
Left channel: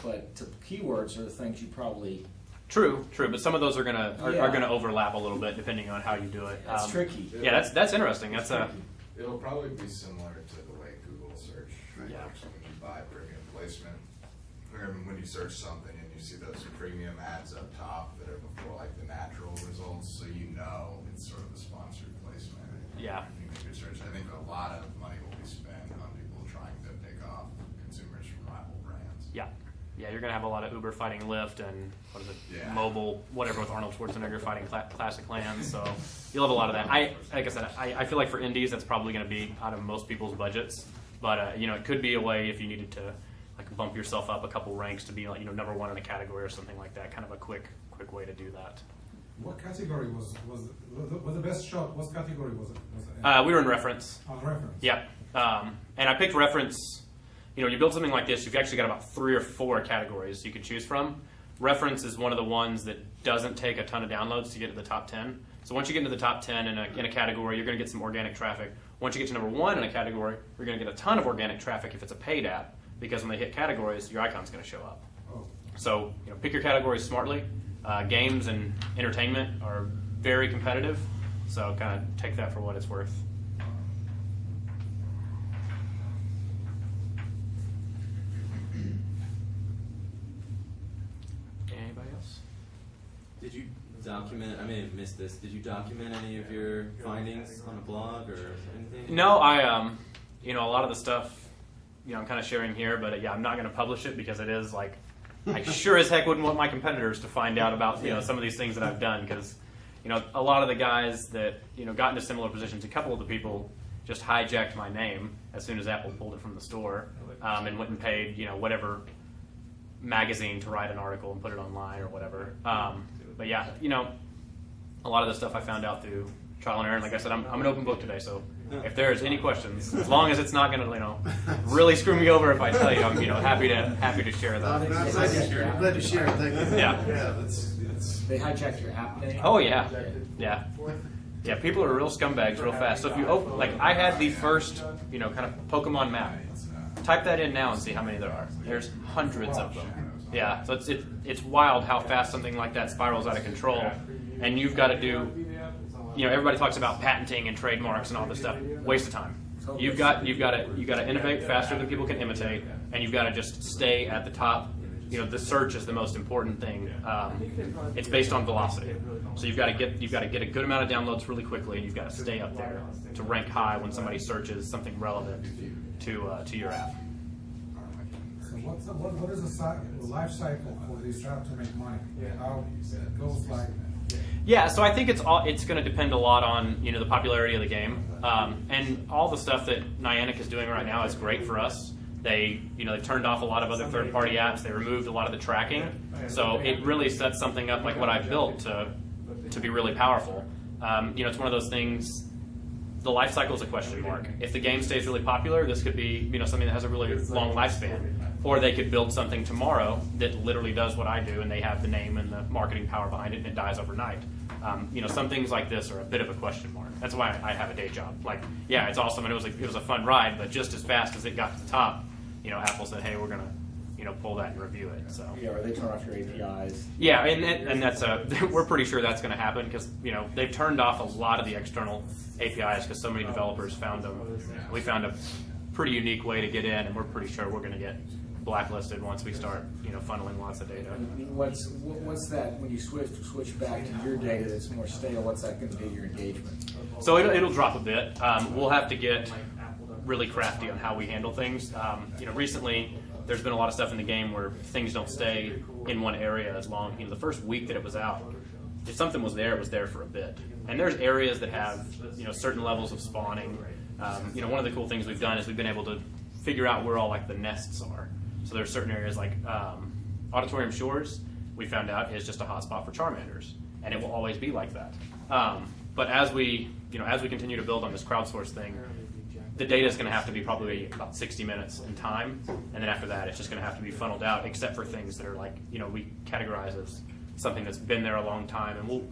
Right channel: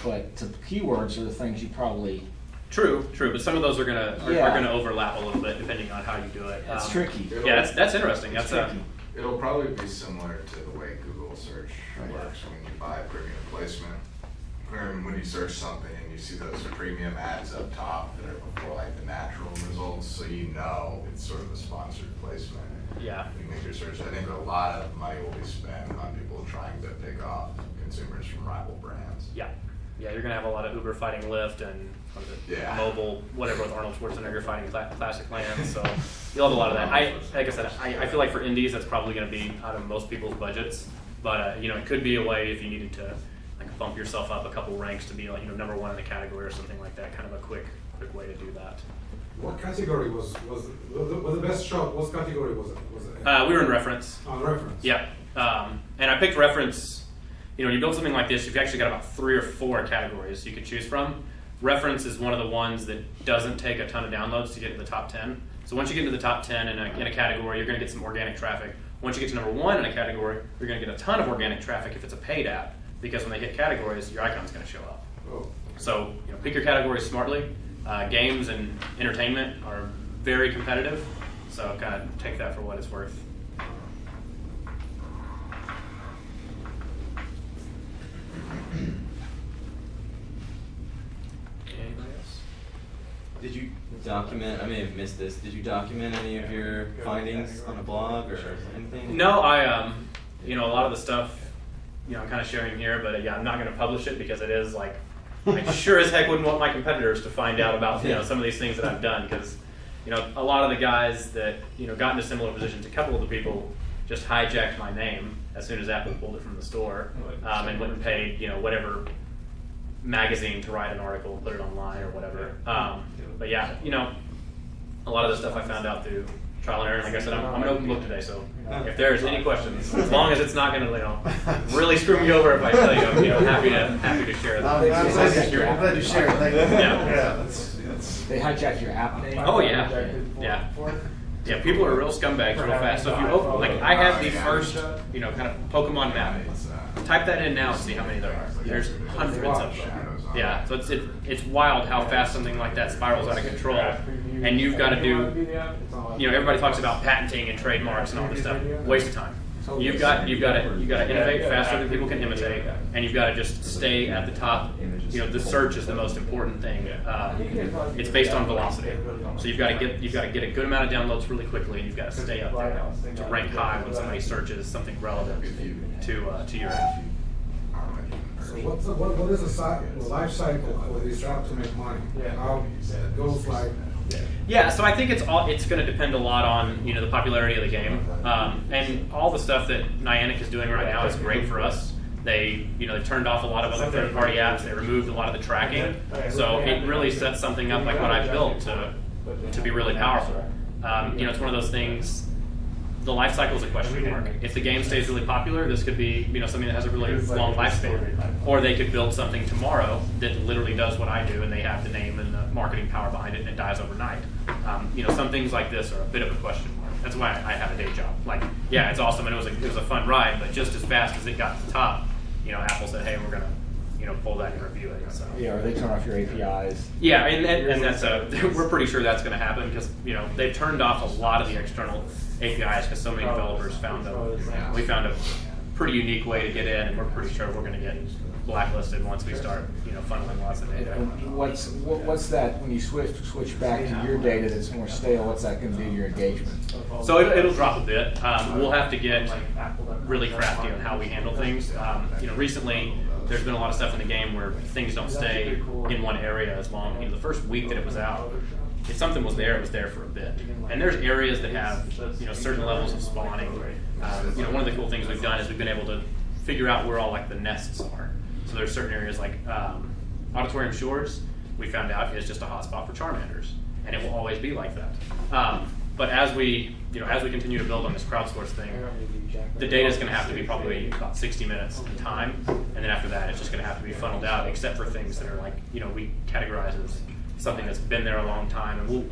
but keywords are the things you probably. True, but some of those are gonna Yeah. overlap a little bit depending on how you do it. That's tricky. Yeah, that's interesting. It's That's tricky. It'll probably be similar to the way Google search Right. works when you buy premium placement. When you search something and you see those premium ads up top that are before like the natural results, so you know it's sort of a sponsored placement. Yeah. When you make your search, I think a lot of money will be spent on people trying to pick off consumers from rival brands. Yeah, you're gonna have a lot of Uber fighting Lyft and what is it? Yeah. Mobile, whatever with Arnold Schwarzenegger fighting Classic Lands. So you'll have a lot of that. Like I said, I feel like for indies that's probably gonna be out of most people's budgets. But you know, it could be a way if you needed to like bump yourself up a couple ranks to be like, you know, #1 in a category or something like that. Kind of a quick way to do that. What category was the best shot? What category was it? We were in reference. On reference. Yep. And I picked reference. You know, you build something like this, you've actually got about 3 or 4 categories you could choose from. Reference is one of the ones that doesn't take a ton of downloads to get to the top 10. So once you get to the top 10 in a category, you're going to get some organic traffic. Once you get to #1 in a category, you're going to get a ton of organic traffic if it's a paid app. because when they hit categories, your icon's going to show up. Oh. So pick your categories smartly. Games and entertainment are very competitive, so kind of take that for what it's worth. Anybody else? Did you document, I may have missed this, did you document any of your findings on a blog or anything? No, I a lot of the stuff, I'm kind of sharing here, but yeah, I'm not going to publish it because it is like, I sure as heck wouldn't want my competitors to find out about some of these things that I've done, because a lot of the guys that got into similar positions, a couple of the people just hijacked my name as soon as Apple pulled it from the store, and went and paid whatever magazine to write an article and put it online or whatever. But yeah, a lot of the stuff I found out through trial and error. Like I said, I'm an open book today, so if there's any questions, as long as it's not going to really screw me over if I tell you, I'm happy to share that. I'm glad you shared it. Thank you. Yeah. They hijacked your app name? Oh yeah, yeah. Yeah, people are real scumbags real fast. So if you open, I had the first, kind of Pokemon map. Type that in now and see how many there are. There's hundreds of them. Yeah, so it's wild how fast something like that spirals out of control. And you've got to do, everybody talks about patenting and trademarks and all this stuff. Waste of time. You've got to innovate faster than people can imitate, and you've got to just stay at the top. The search is the most important thing. It's based on velocity, so you've got to get a good amount of downloads really quickly, and you've got to stay up there to rank high when somebody searches something relevant to your app. So what is the life cycle for these apps to make money? How it goes like? Yeah, so I think it's going to depend a lot on the popularity of the game, and all the stuff that Niantic is doing right now is great for us. They turned off a lot of other third-party apps. They removed a lot of the tracking, so it really sets something up like what I built to be really powerful. It's one of those things. The life cycle is a question mark. If the game stays really popular, this could be something that has a really long lifespan. Or they could build something tomorrow that literally does what I do, and they have the name and the marketing power behind it, and it dies overnight. Some things like this are a bit of a question mark. That's why I have a day job. Yeah, it's awesome, and it was a fun ride, but just as fast as it got to the top, Apple said, hey, we're gonna pull that and review it. So yeah, or they turn off your APIs. Yeah, and that's we're pretty sure that's going to happen because they've turned off a lot of the external APIs because so many developers found them. We found a pretty unique way to get in, and we're pretty sure we're going to get blacklisted once we start funneling lots of data. What's that when you switch back to your data that's more stale? What's that going to do to your engagement? So it'll drop a bit. We'll have to get really crafty on how we handle things. Recently, there's been a lot of stuff in the game where things don't stay in one area as long. The first week that it was out, if something was there, it was there for a bit. And there's areas that have certain levels of spawning. One of the cool things we've done is we've been able to figure out where all the nests are. So there's certain areas like Auditorium Shores, we found out is just a hotspot for Charmanders, and it will always be like that. But as we continue to build on this crowdsource thing, the data is going to have to be probably about 60 minutes in time, and then after that, it's just going to have to be funneled out, except for things that are we categorize as something that's been there a long time, and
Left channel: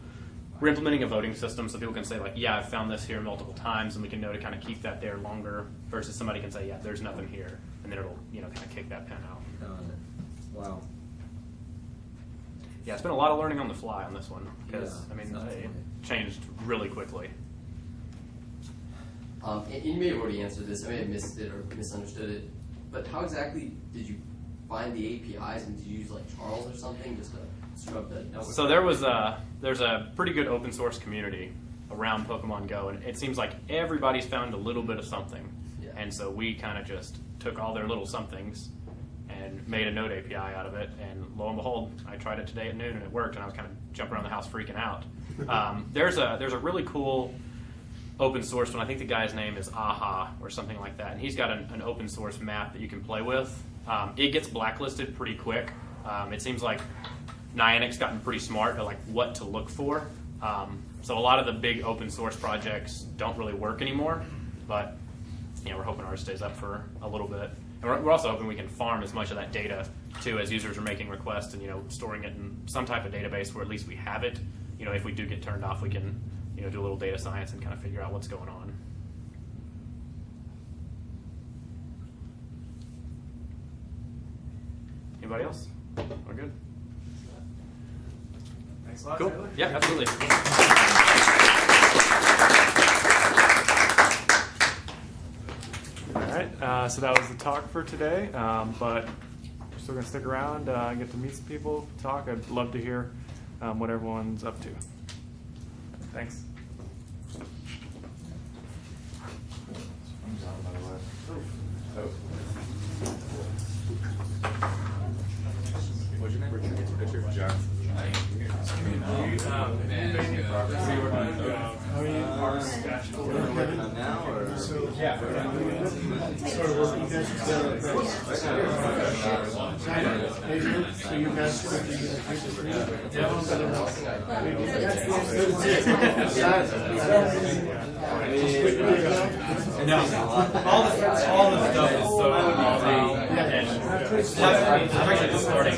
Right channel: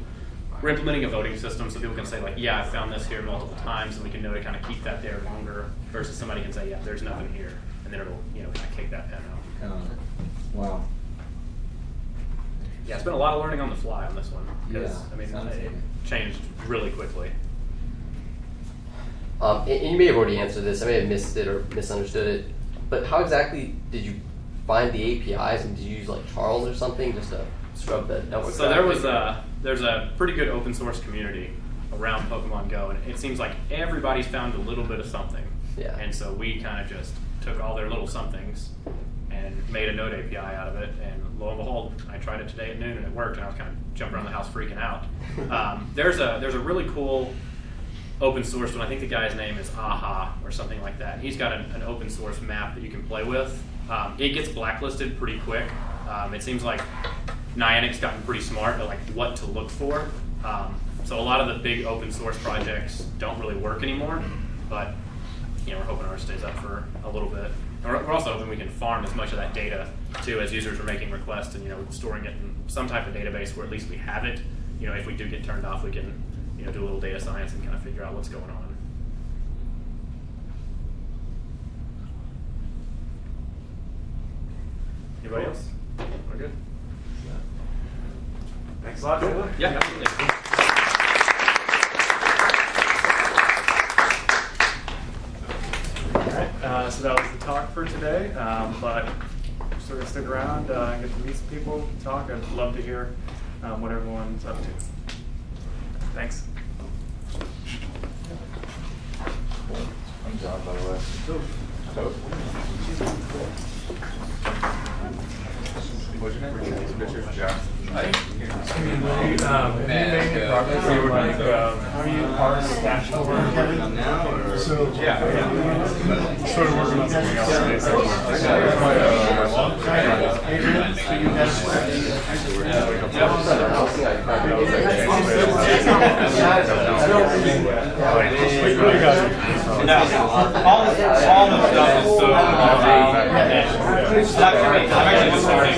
we're implementing a voting system so people can say yeah, I found this here multiple times, and we can know to kind of keep that there longer, versus somebody can say, yeah, there's nothing here, and then it will kind of kick that pen out. Wow. Yeah, it's been a lot of learning on the fly on this one because it changed really quickly. And you may have already answered this. I may have missed it or misunderstood it. But how exactly did you find the APIs? And did you use Charles or something just to scrub the network? So there's a pretty good open source community around Pokemon Go, and it seems like everybody's found a little bit of something. Yeah. And so we kind of just took all their little somethings and made a Node API out of it, and lo and behold, I tried it today at noon and it worked, and I was kind of jumping around the house freaking out. There's a really cool open source one. I think the guy's name is Aha or something like that. He's got an open source map that you can play with. It gets blacklisted pretty quick. It seems like Niantic's gotten pretty smart at what to look for. So a lot of the big open source projects don't really work anymore, but we're hoping ours stays up for a little bit. And we're also hoping we can farm as much of that data too as users are making requests and storing it in some type of database where at least we have it. If we do get turned off, we can do a little data science and kind of figure out what's going on. Anybody else? We're good. Thanks a lot. Cool. Yeah, absolutely. Alright, so that was the talk for today, but we're still gonna stick around and get to meet some people, talk. I'd love to hear what everyone's up to. Thanks. I'm John, by the way. What's your name? Jack. Have you made any progress? You were like, are you part of the cash flow? So, yeah, sort of working on something else today. So, No, all the stuff is so I'm actually just starting a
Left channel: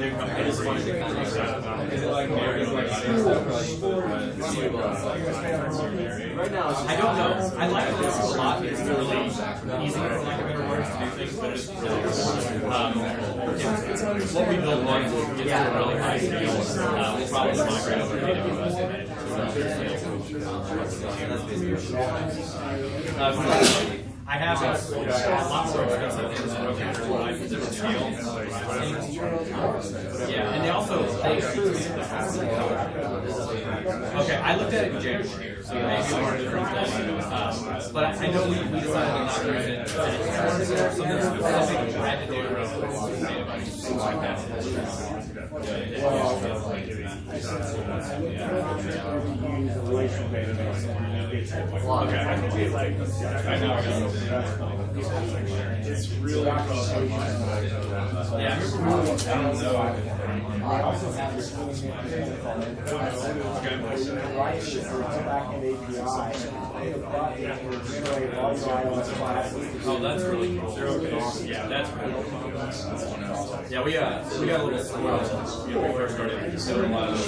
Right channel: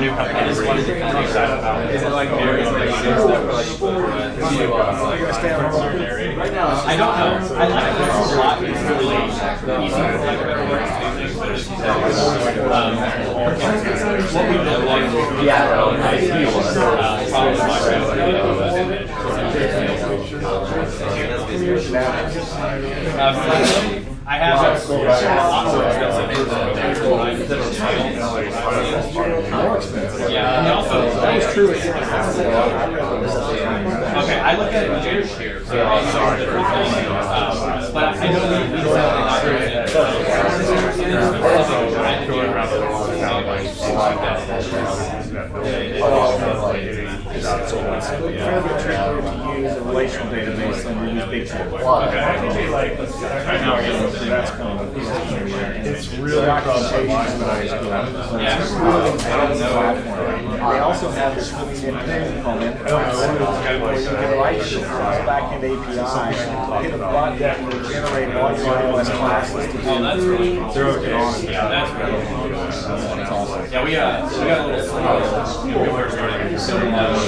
new company. I just wanted to kind of excited about it. Is it like very I don't know. I like it a lot. It's really easy for lack of better words to do things, but it's what we've done I have lots of yeah, and also that is true. Okay, I look at it here, so different things. But I know we use a relational database than use big it's really computational. I don't know. I also have this really good thing called Incubator. You can write your back-end API, hit a button to generate all your iOS classes to do. Yeah, that's right. Yeah, we got a little slow. We were starting to build a lot of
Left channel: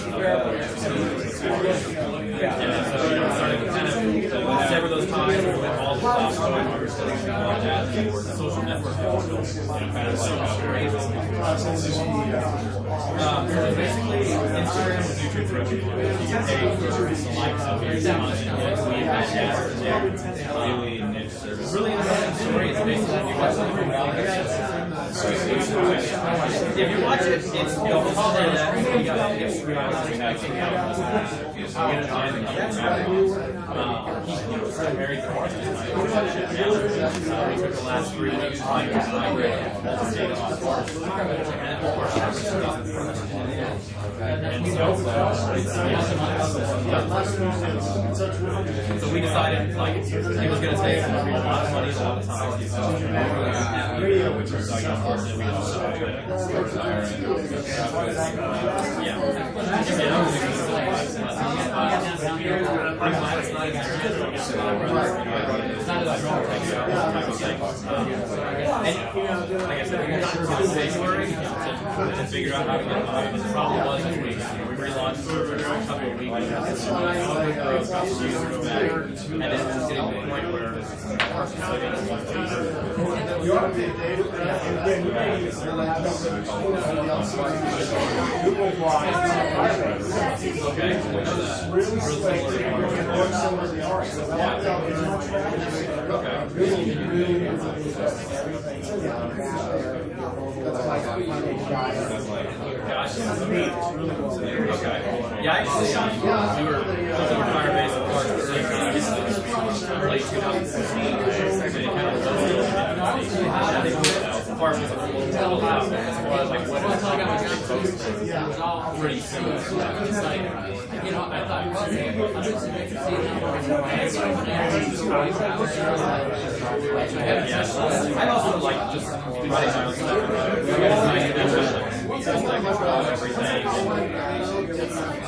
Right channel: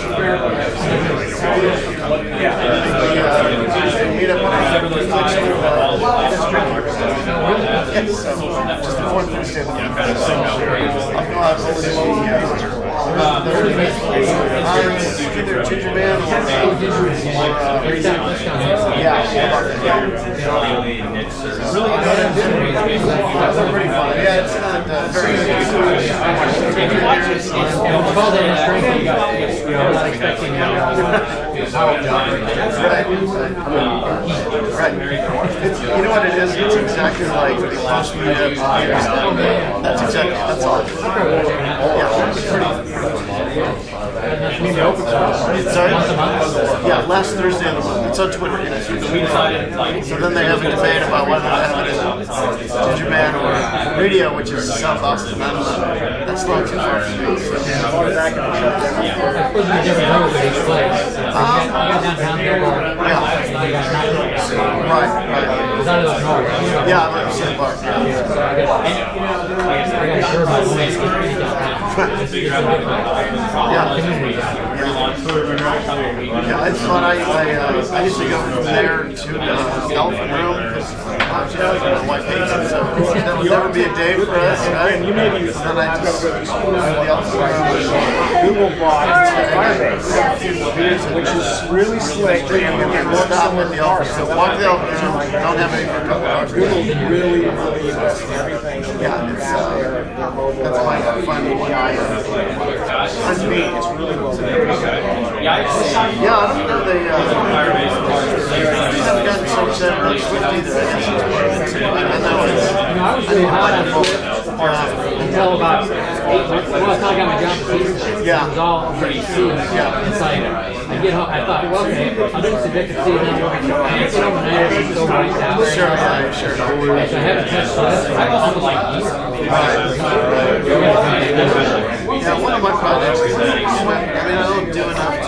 You know what it is? It's exactly like most meetups. That's exactly, that's all. Sorry? Yeah, last Thursday of the month. It's on Twitter. We decided, so then they have a debate about whether to have it as Ginger Man or Radio, which is South Austin. I don't know. That's not too far from me. Yeah, I'm at the same park. Yeah, I thought I used to go from there to Elephant Room because my wife hates it, so that would never be a day for us, right? And then I just Google bought Firebase, which is really slick. stop at the Elephant Room, walk the Elephant Room, don't have any for a couple hours. Google really everything. Yeah, it's, that's my final one. It's really well. yeah, I don't know, they have gotten so upset really quickly that I know until about 8 months ago, until I got my job season, yeah. it was all pretty soon. Yeah. It's like, I get home, I thought, well, okay, I'll do this addicted to seeing another one. And it's overnight, it's overnight now. Sure, yeah, sure. So I haven't touched this. I also like this. Yeah, one of my projects is I don't do enough to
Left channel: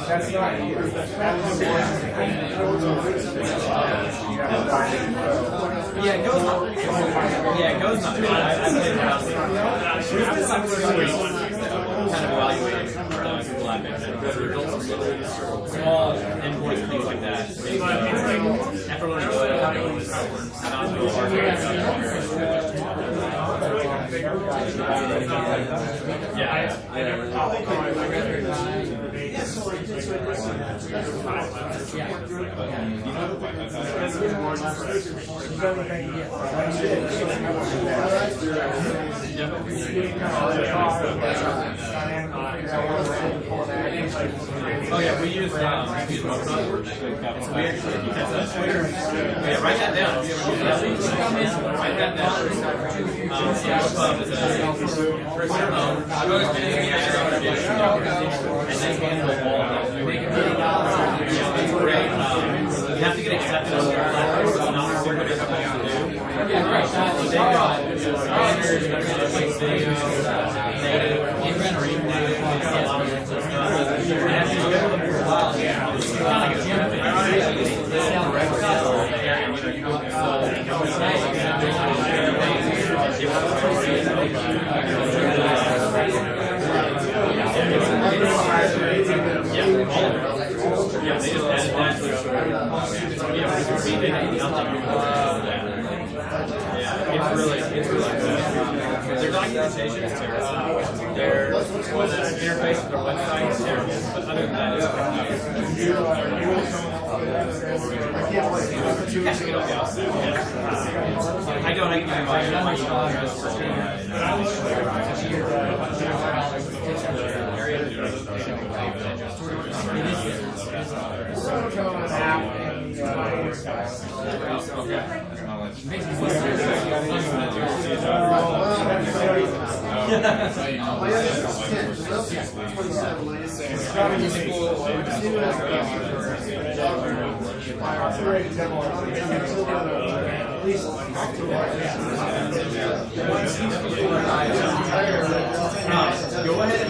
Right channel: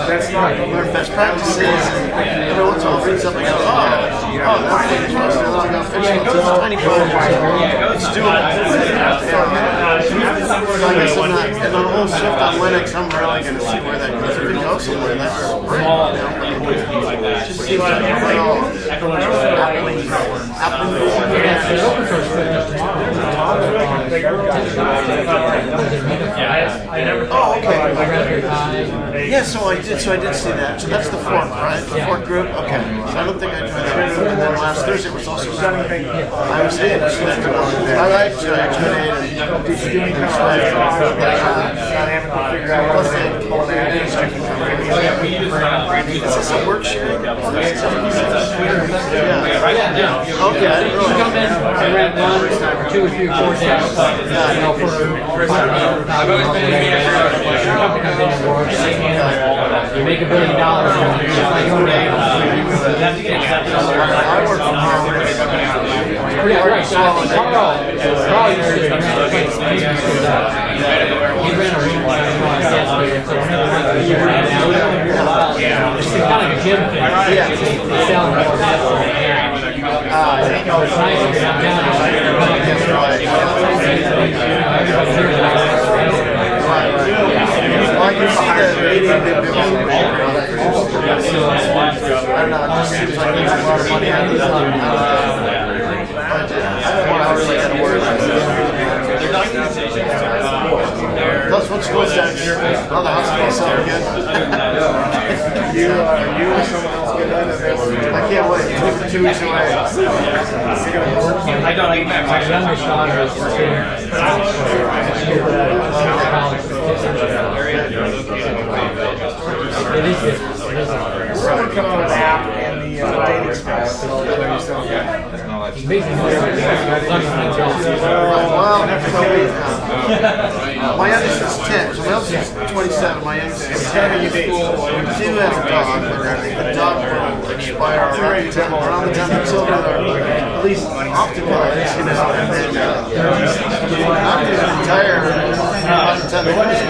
learn best practices, and every once in a while bring something else. That's thing is supposed to look up it's tiny code. It's doable. So I guess I'm not, if I'm a whole shift on Linux, I'm really going to see where that goes. If it goes somewhere, that's great. Just see what so I did see that. So that's the fourth, right? The fourth group? Okay. So I don't think I joined that group. And then last Thursday was also I was in. I like to Oh yeah, we use Is this a work share? Write that down. Okay, I didn't You come in realize. and rent 1, 2, or 3, 4 steps. You make $1 billion. I work from home. Yeah, right. So I think Carl it's kind of a gym thing. Plus, what's going on here? Oh, the hospital's so good. I can't wait. 2 weeks away. I don't. I Someone come up with an app and the dating space. Well, my youngest is 10, so my eldest is 27. My youngest is 10. We do have a dog, but I think the dog will expire around the time the children are at least optimized, and then after they retire, around the time they finish,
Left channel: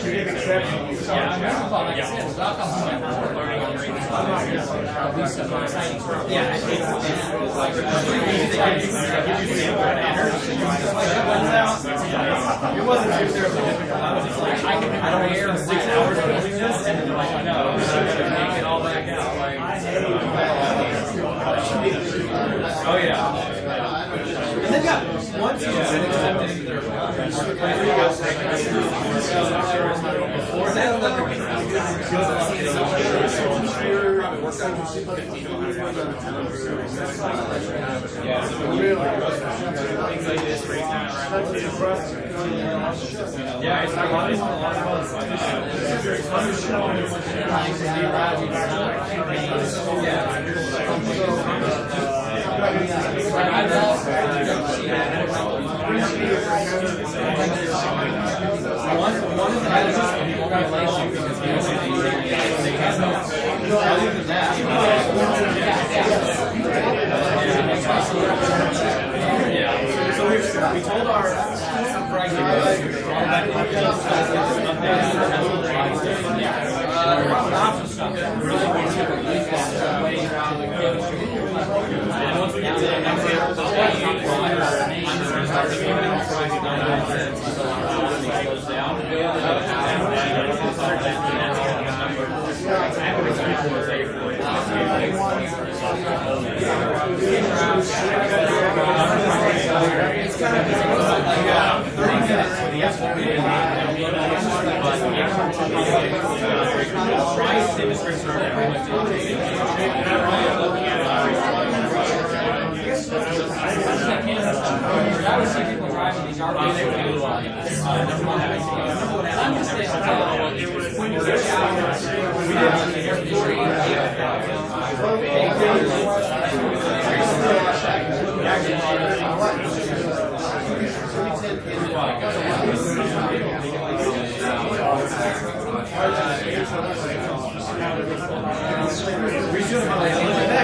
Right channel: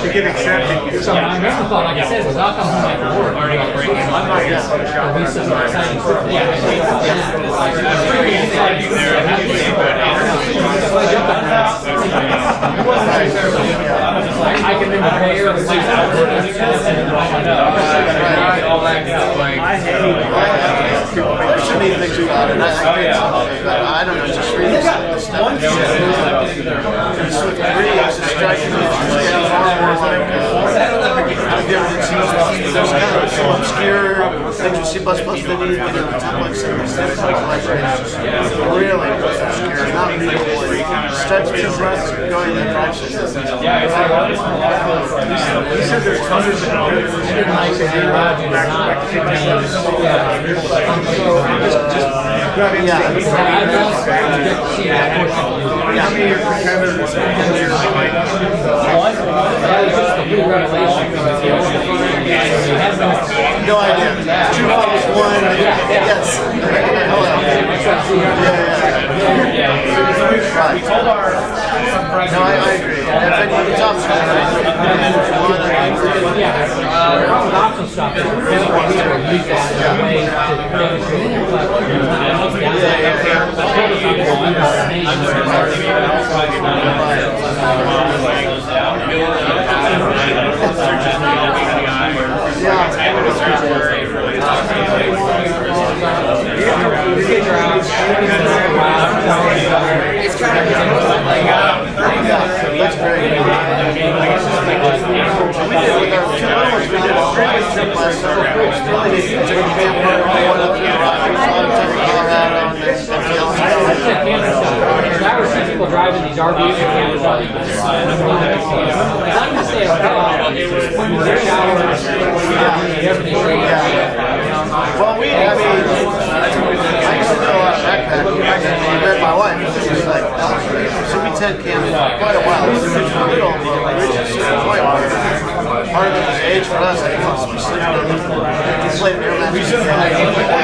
To get accepted. So I remember thought, like I said, it was alcohol at work. I'm not yet. There'll be some exciting stuff. I can remember here and all that good. I shouldn't even think about it. I don't know, just read this stuff. It's so obscure things you see bus video, templates and stuff like that. Really obscure, not really. Starts to dress going in that direction. He said there's hundreds of nice No idea. 2 plus 1. Yes. Right. We told our no, I agree. And I think the top I would see people driving these RVs and I'm just saying, when you shower, well, I used to do a lot of backpacking. I met my wife. She was like, so we tent camped for quite a while. Part of it was age for us. I was sleeping on the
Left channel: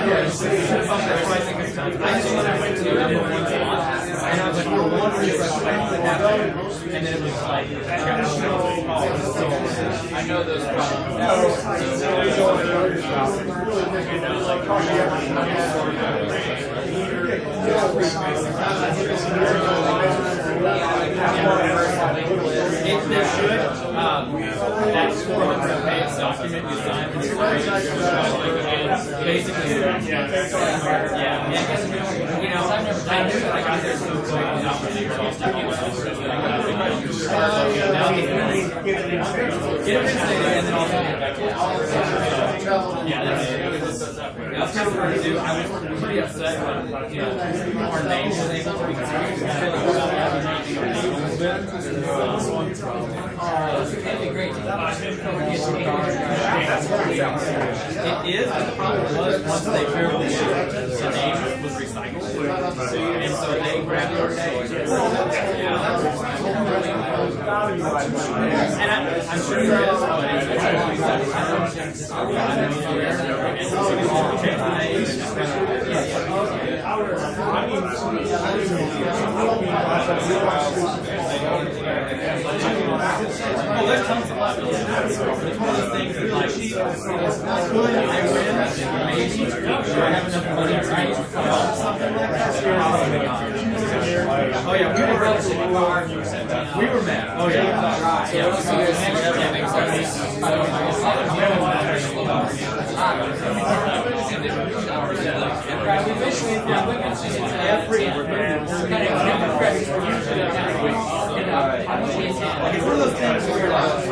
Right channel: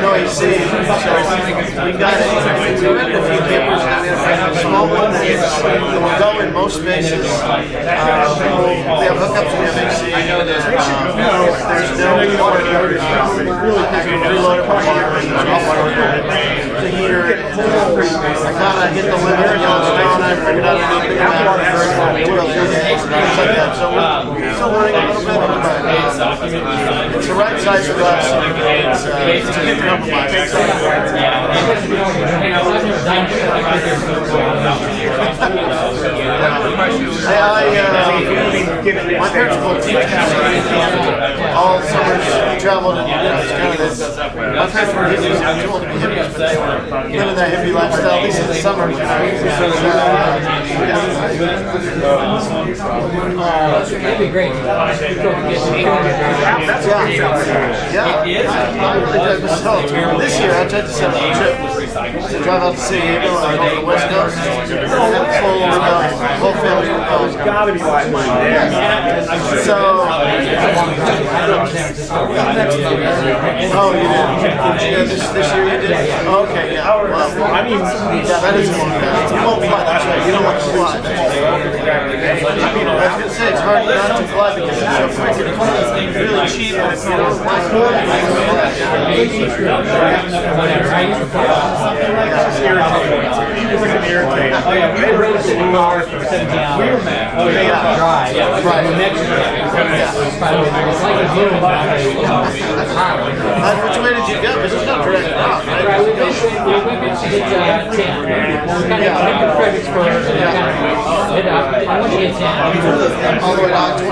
no AC. So we got it. We were in a few campers. small one, we're covering most spaces. We have hookups, we have AC. There's no the heater. I kind of hit the limit and I bring it up. So we're still learning a little bit, but it's the right size for us. It's a good compromise. My parents both all summers traveled and it's kind of this. My parents were hippies, but they were living that hippie lifestyle, at least in the summer. That'd be great. This year I tried to set up a trip to drive out to San Diego on the West Coast. Whole family. There's gotta be live money there. Oh, you did? This year you did? Okay, yeah. Well, I mean, that is one. You don't want to fly. I mean, I was going to say, it's hard not to fly because it's so quick and it's really cheap, and if you don't fly, Oh yeah, we were really for 17 hours. We were mad. Oh yeah, dry. Yeah, right. Next year. Which way did you go? Because there's no direct route, right? We eventually hit 10. Kind of credits for I want to get 10. All the way down to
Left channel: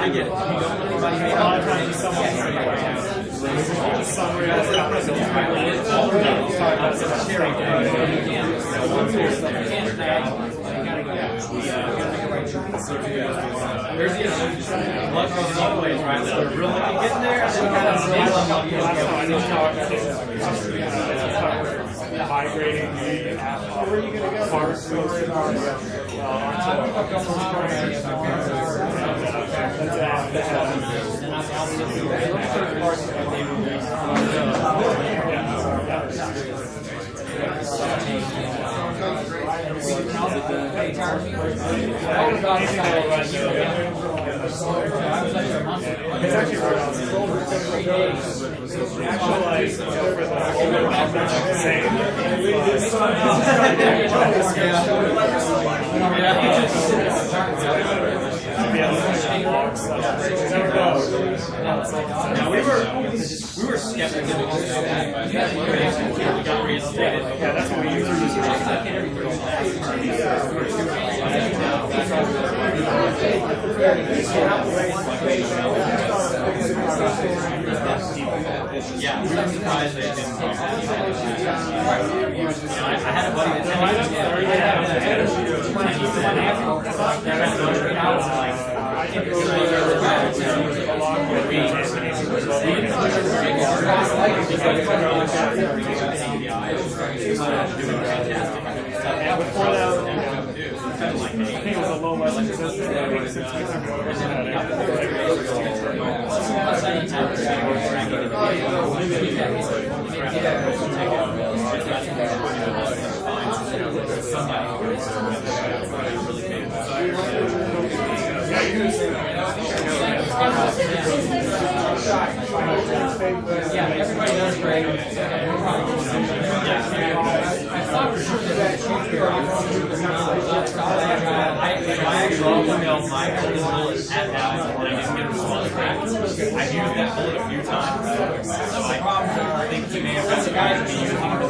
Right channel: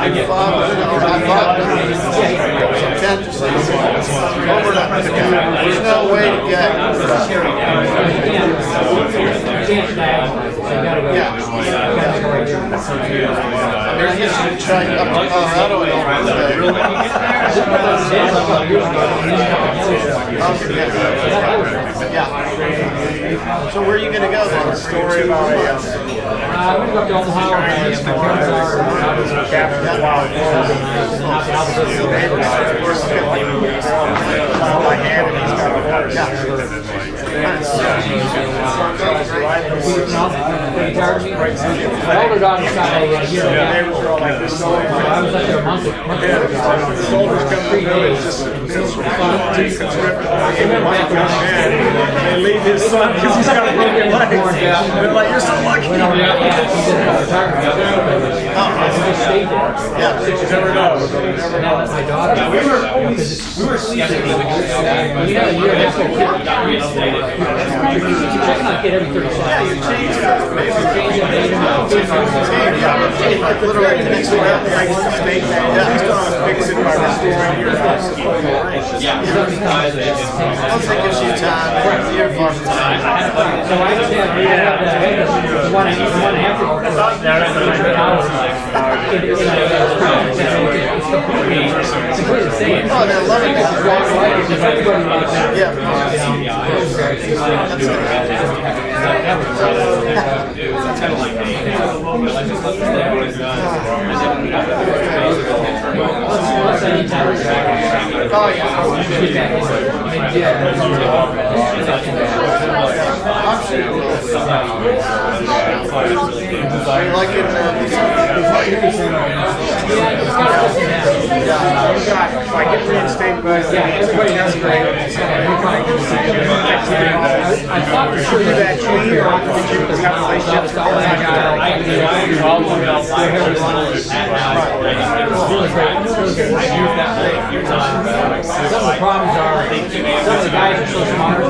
25. There's no way to get. Yeah. I mean, I guess you could try up to Colorado and yeah. So where are you going to go then? Story about we go up to Omaha and my older daughter shot a year and a half. I was like a month. soldiers come 3 days. And leave his son because he's got a broken leg. They're like, you're so lucky. Yeah, 6 years ago. My daughter. We were seasoned. You know, you're a kid every 30 seconds. Yeah, you change that. Literally the next one out, breaks the state. Fix it by restoring your house. Once they give you time, you're far from time. So I just had one after. Oh, they're loving it. Yeah. Like get reinstated, but everybody has great. I thought for sure that change or I think you was having relationships. Some of the problems are, some of the guys are so smart.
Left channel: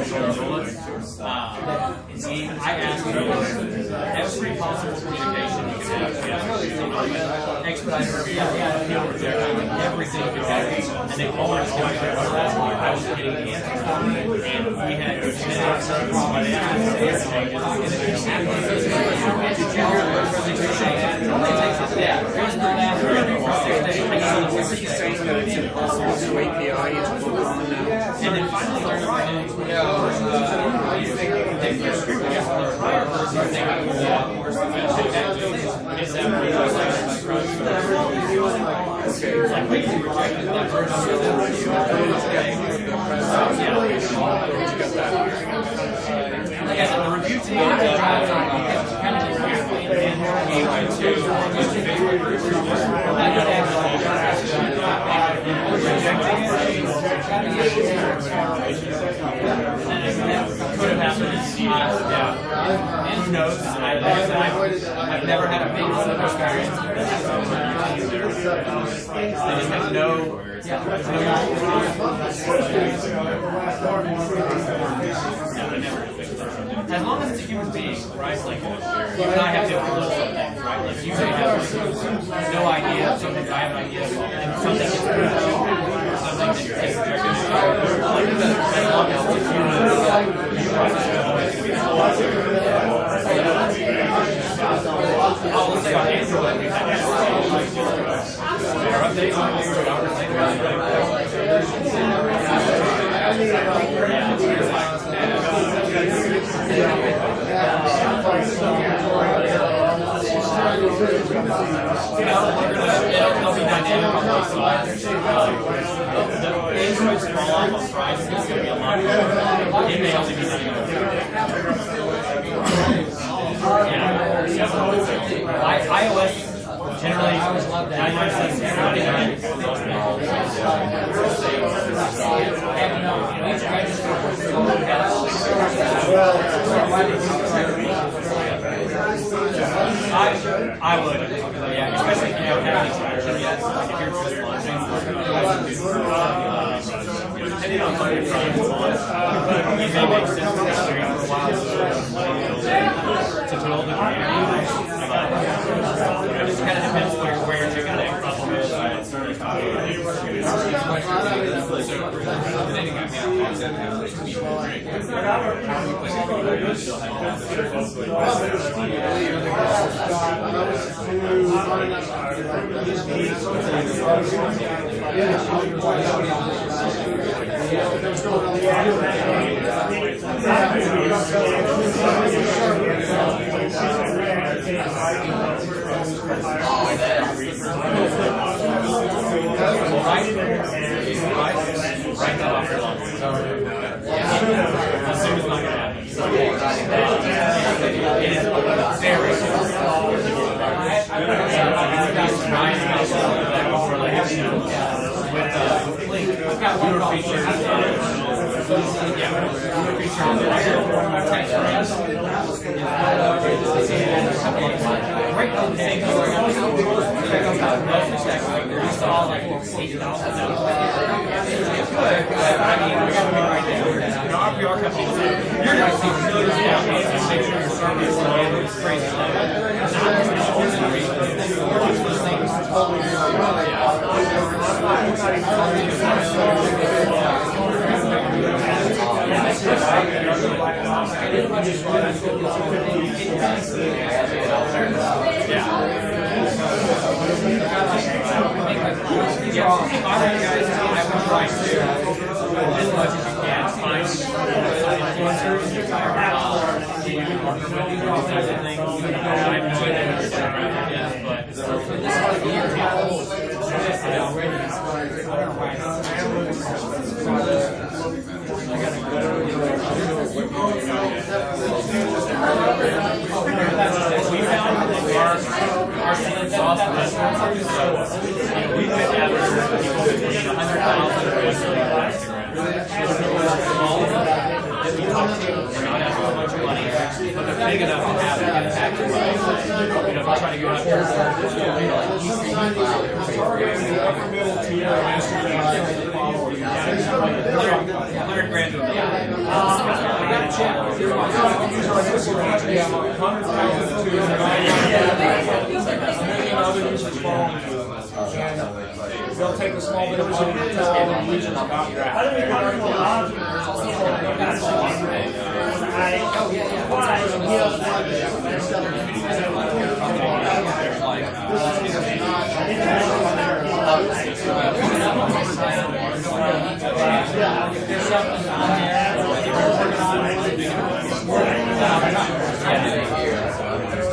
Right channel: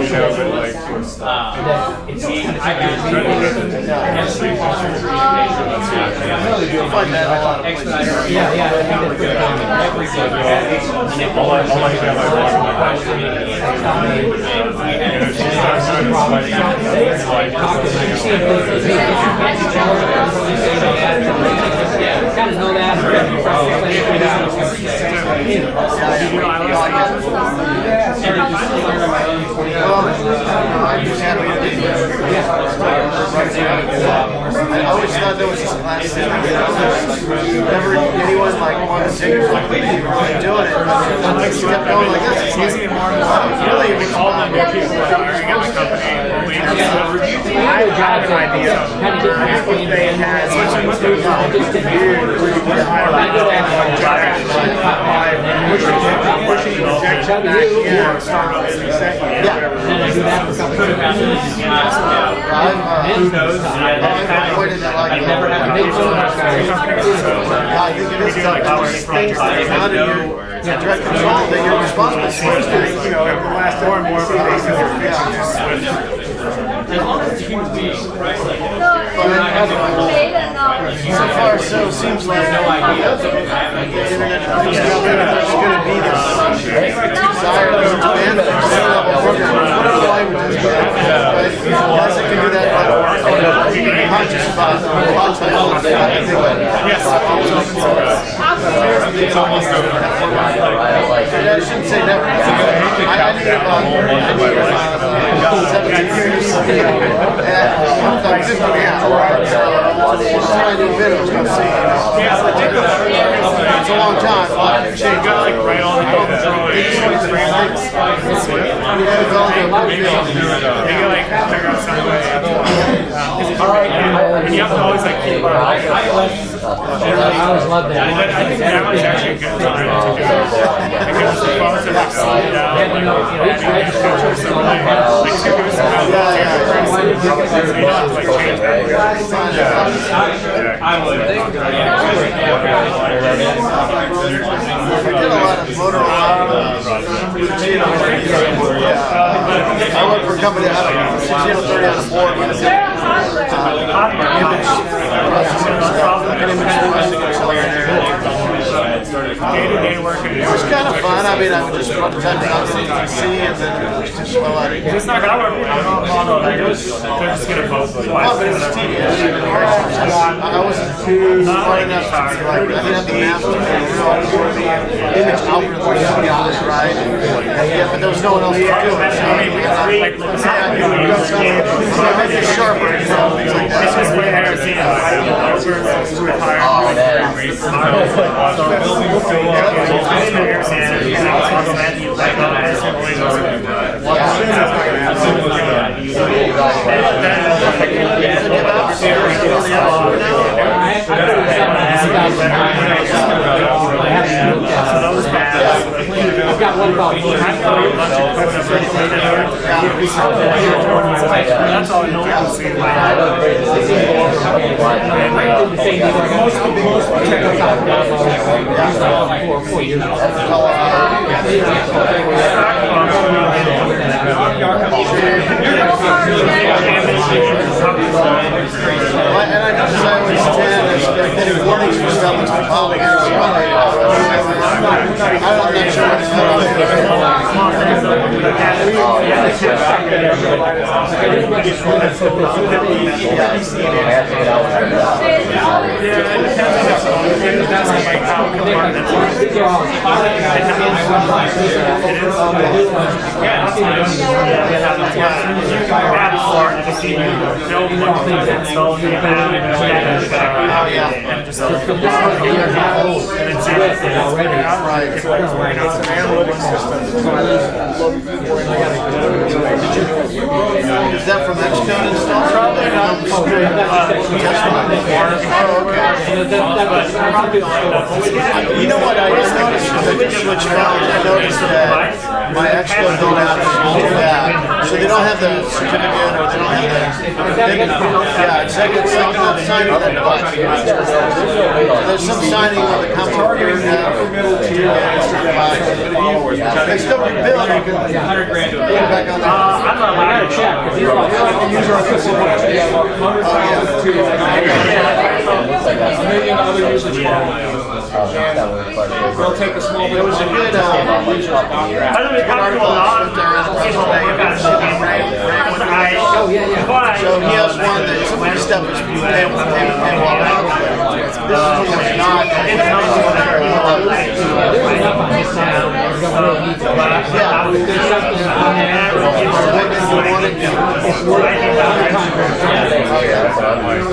I always thought there was this class thing. Never anyone like wanted to do it. I just kept going like this. It's really all the people that are in the company. I got an idea. back again, start with an executive. Who knows? I've avoided it like I've never had a big one. I think it is tough. These things that are not in your direct control that you're responsible for. You know, it will last more and more of As long as it's a human being, right? Like, So far, so seems like no idea. the internet is going to be this desire to go to I shouldn't say never. I need 17 years. It's a long time. A lot can change. And you have to always like keep generally, I always love that. I think that was actually a good time to do it because the phones are slowed down. I just go through some like 2 years I'm with it. I did a lot of Motorola. I work for a company that has a 30 on the board. day-to-day work. It was kind of fun. I mean, I would just type out things you see and then just slow out. It's not that way. It was just gonna vote. Well, but it's tedious. I wasn't too smart enough to be like, I didn't have the map to image algorithm, right? And yeah, but there was no one else to do it. So I mean, it's sharper, you know, things like that. It's just way I've seen I've got one problem. That's all no one can see. And I noticed I always tend getting warnings from developments from colleagues. I'm not sure Is that from Xcode and stuff? Probably not. You know what? I just noticed with the switch values, I noticed that my Xcode don't have that. So they don't have the certificate or they don't have the big enough. Yeah, it's like the signing that there's some signing of the company. Middle tier. They still can build. $100 grand to build back on that. I gotta check. $1 million other users following. They'll take a small bit of users So he has one that's one step between him and Walmart. This is not.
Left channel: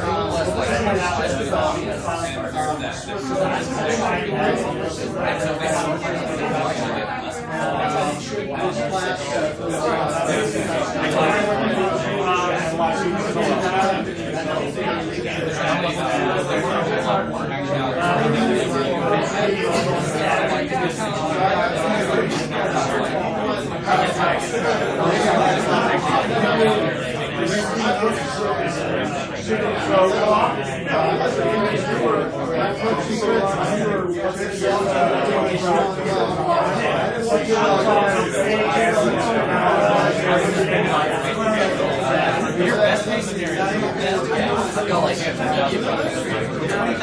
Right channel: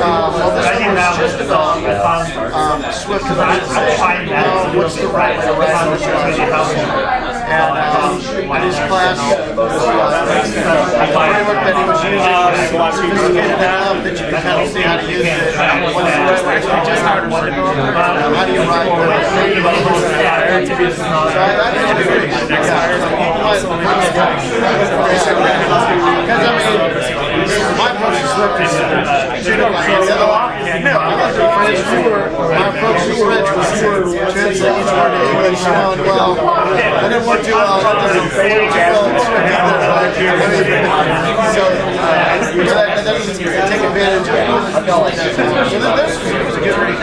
Well, this one was just about Swift what's the right and in his class, the framework that he was using sophisticated enough that you can kind of see how to use it. What's the right way? We just hired one developer. How do you write the thing about so I think it's great. My approach to Swift is my approach to French was translate each word into English well. I didn't work too well. That doesn't take advantage of it. So this is a good read.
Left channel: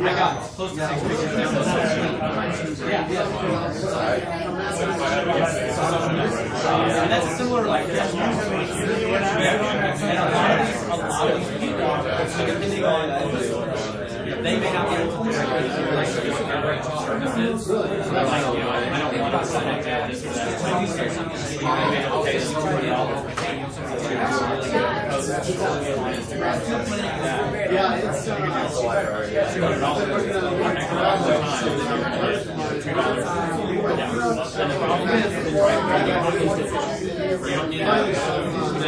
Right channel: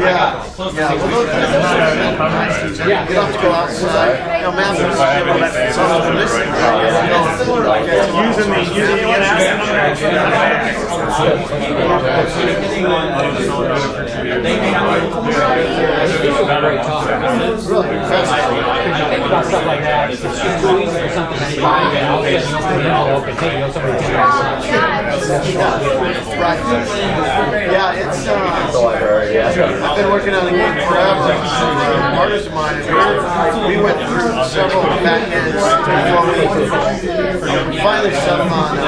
Yeah, still trying to get around. You have to go outside. You know, math They may not be able to really think about stuff like that. It's too easy for something to buy and all open thing. You know, somebody yeah, it's I've been working on the game forever. Partners of mine, and we went through several back ends before we finally settled on the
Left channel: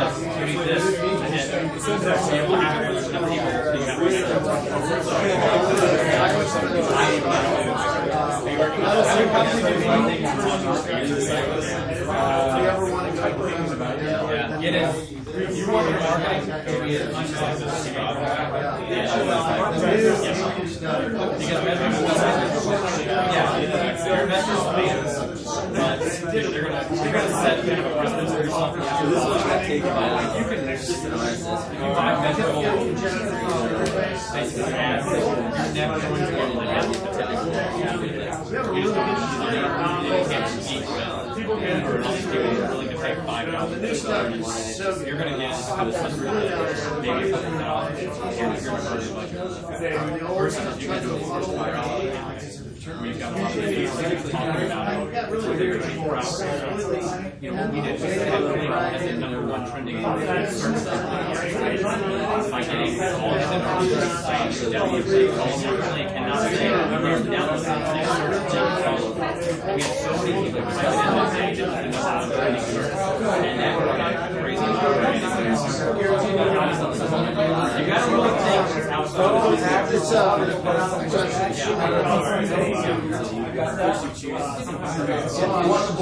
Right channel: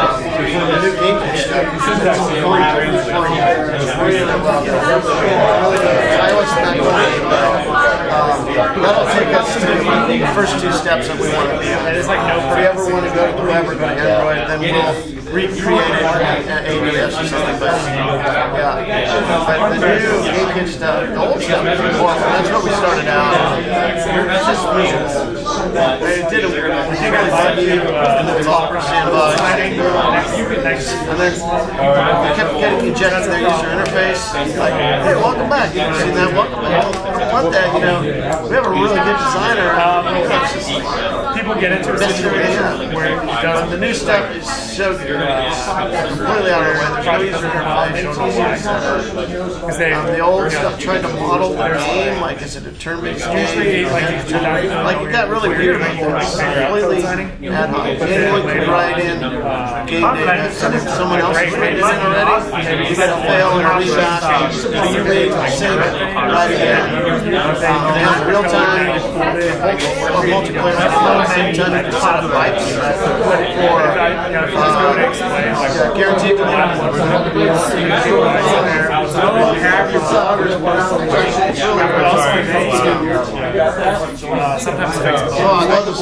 new game stuff. That'll take us to the first two steps that we want to be on. If we ever want to go to the web or go to Android, then we'll recreate it at ABS or something. But yeah, but the new game stuff, the old stuff, that's what we started out. That's just me. It didn't let you in the top sandbox. And then I kept getting ejected their user interface. Like, hey, welcome back. You see that? Welcome back. If you want that, you know, we have a really good designer. People get into a situation where the new stuff is so good. It's completely out of the way. There's no user interface. The old stuff trying to model the game like it's a determined game. Like it got really weird. Completely ad hoc. Anyone can write in game data, and if someone else has written it in already, you got to fail and reshot. You sync right in. They have real time multiplayer at the same time. You can set the lights or guaranteed to sometimes affects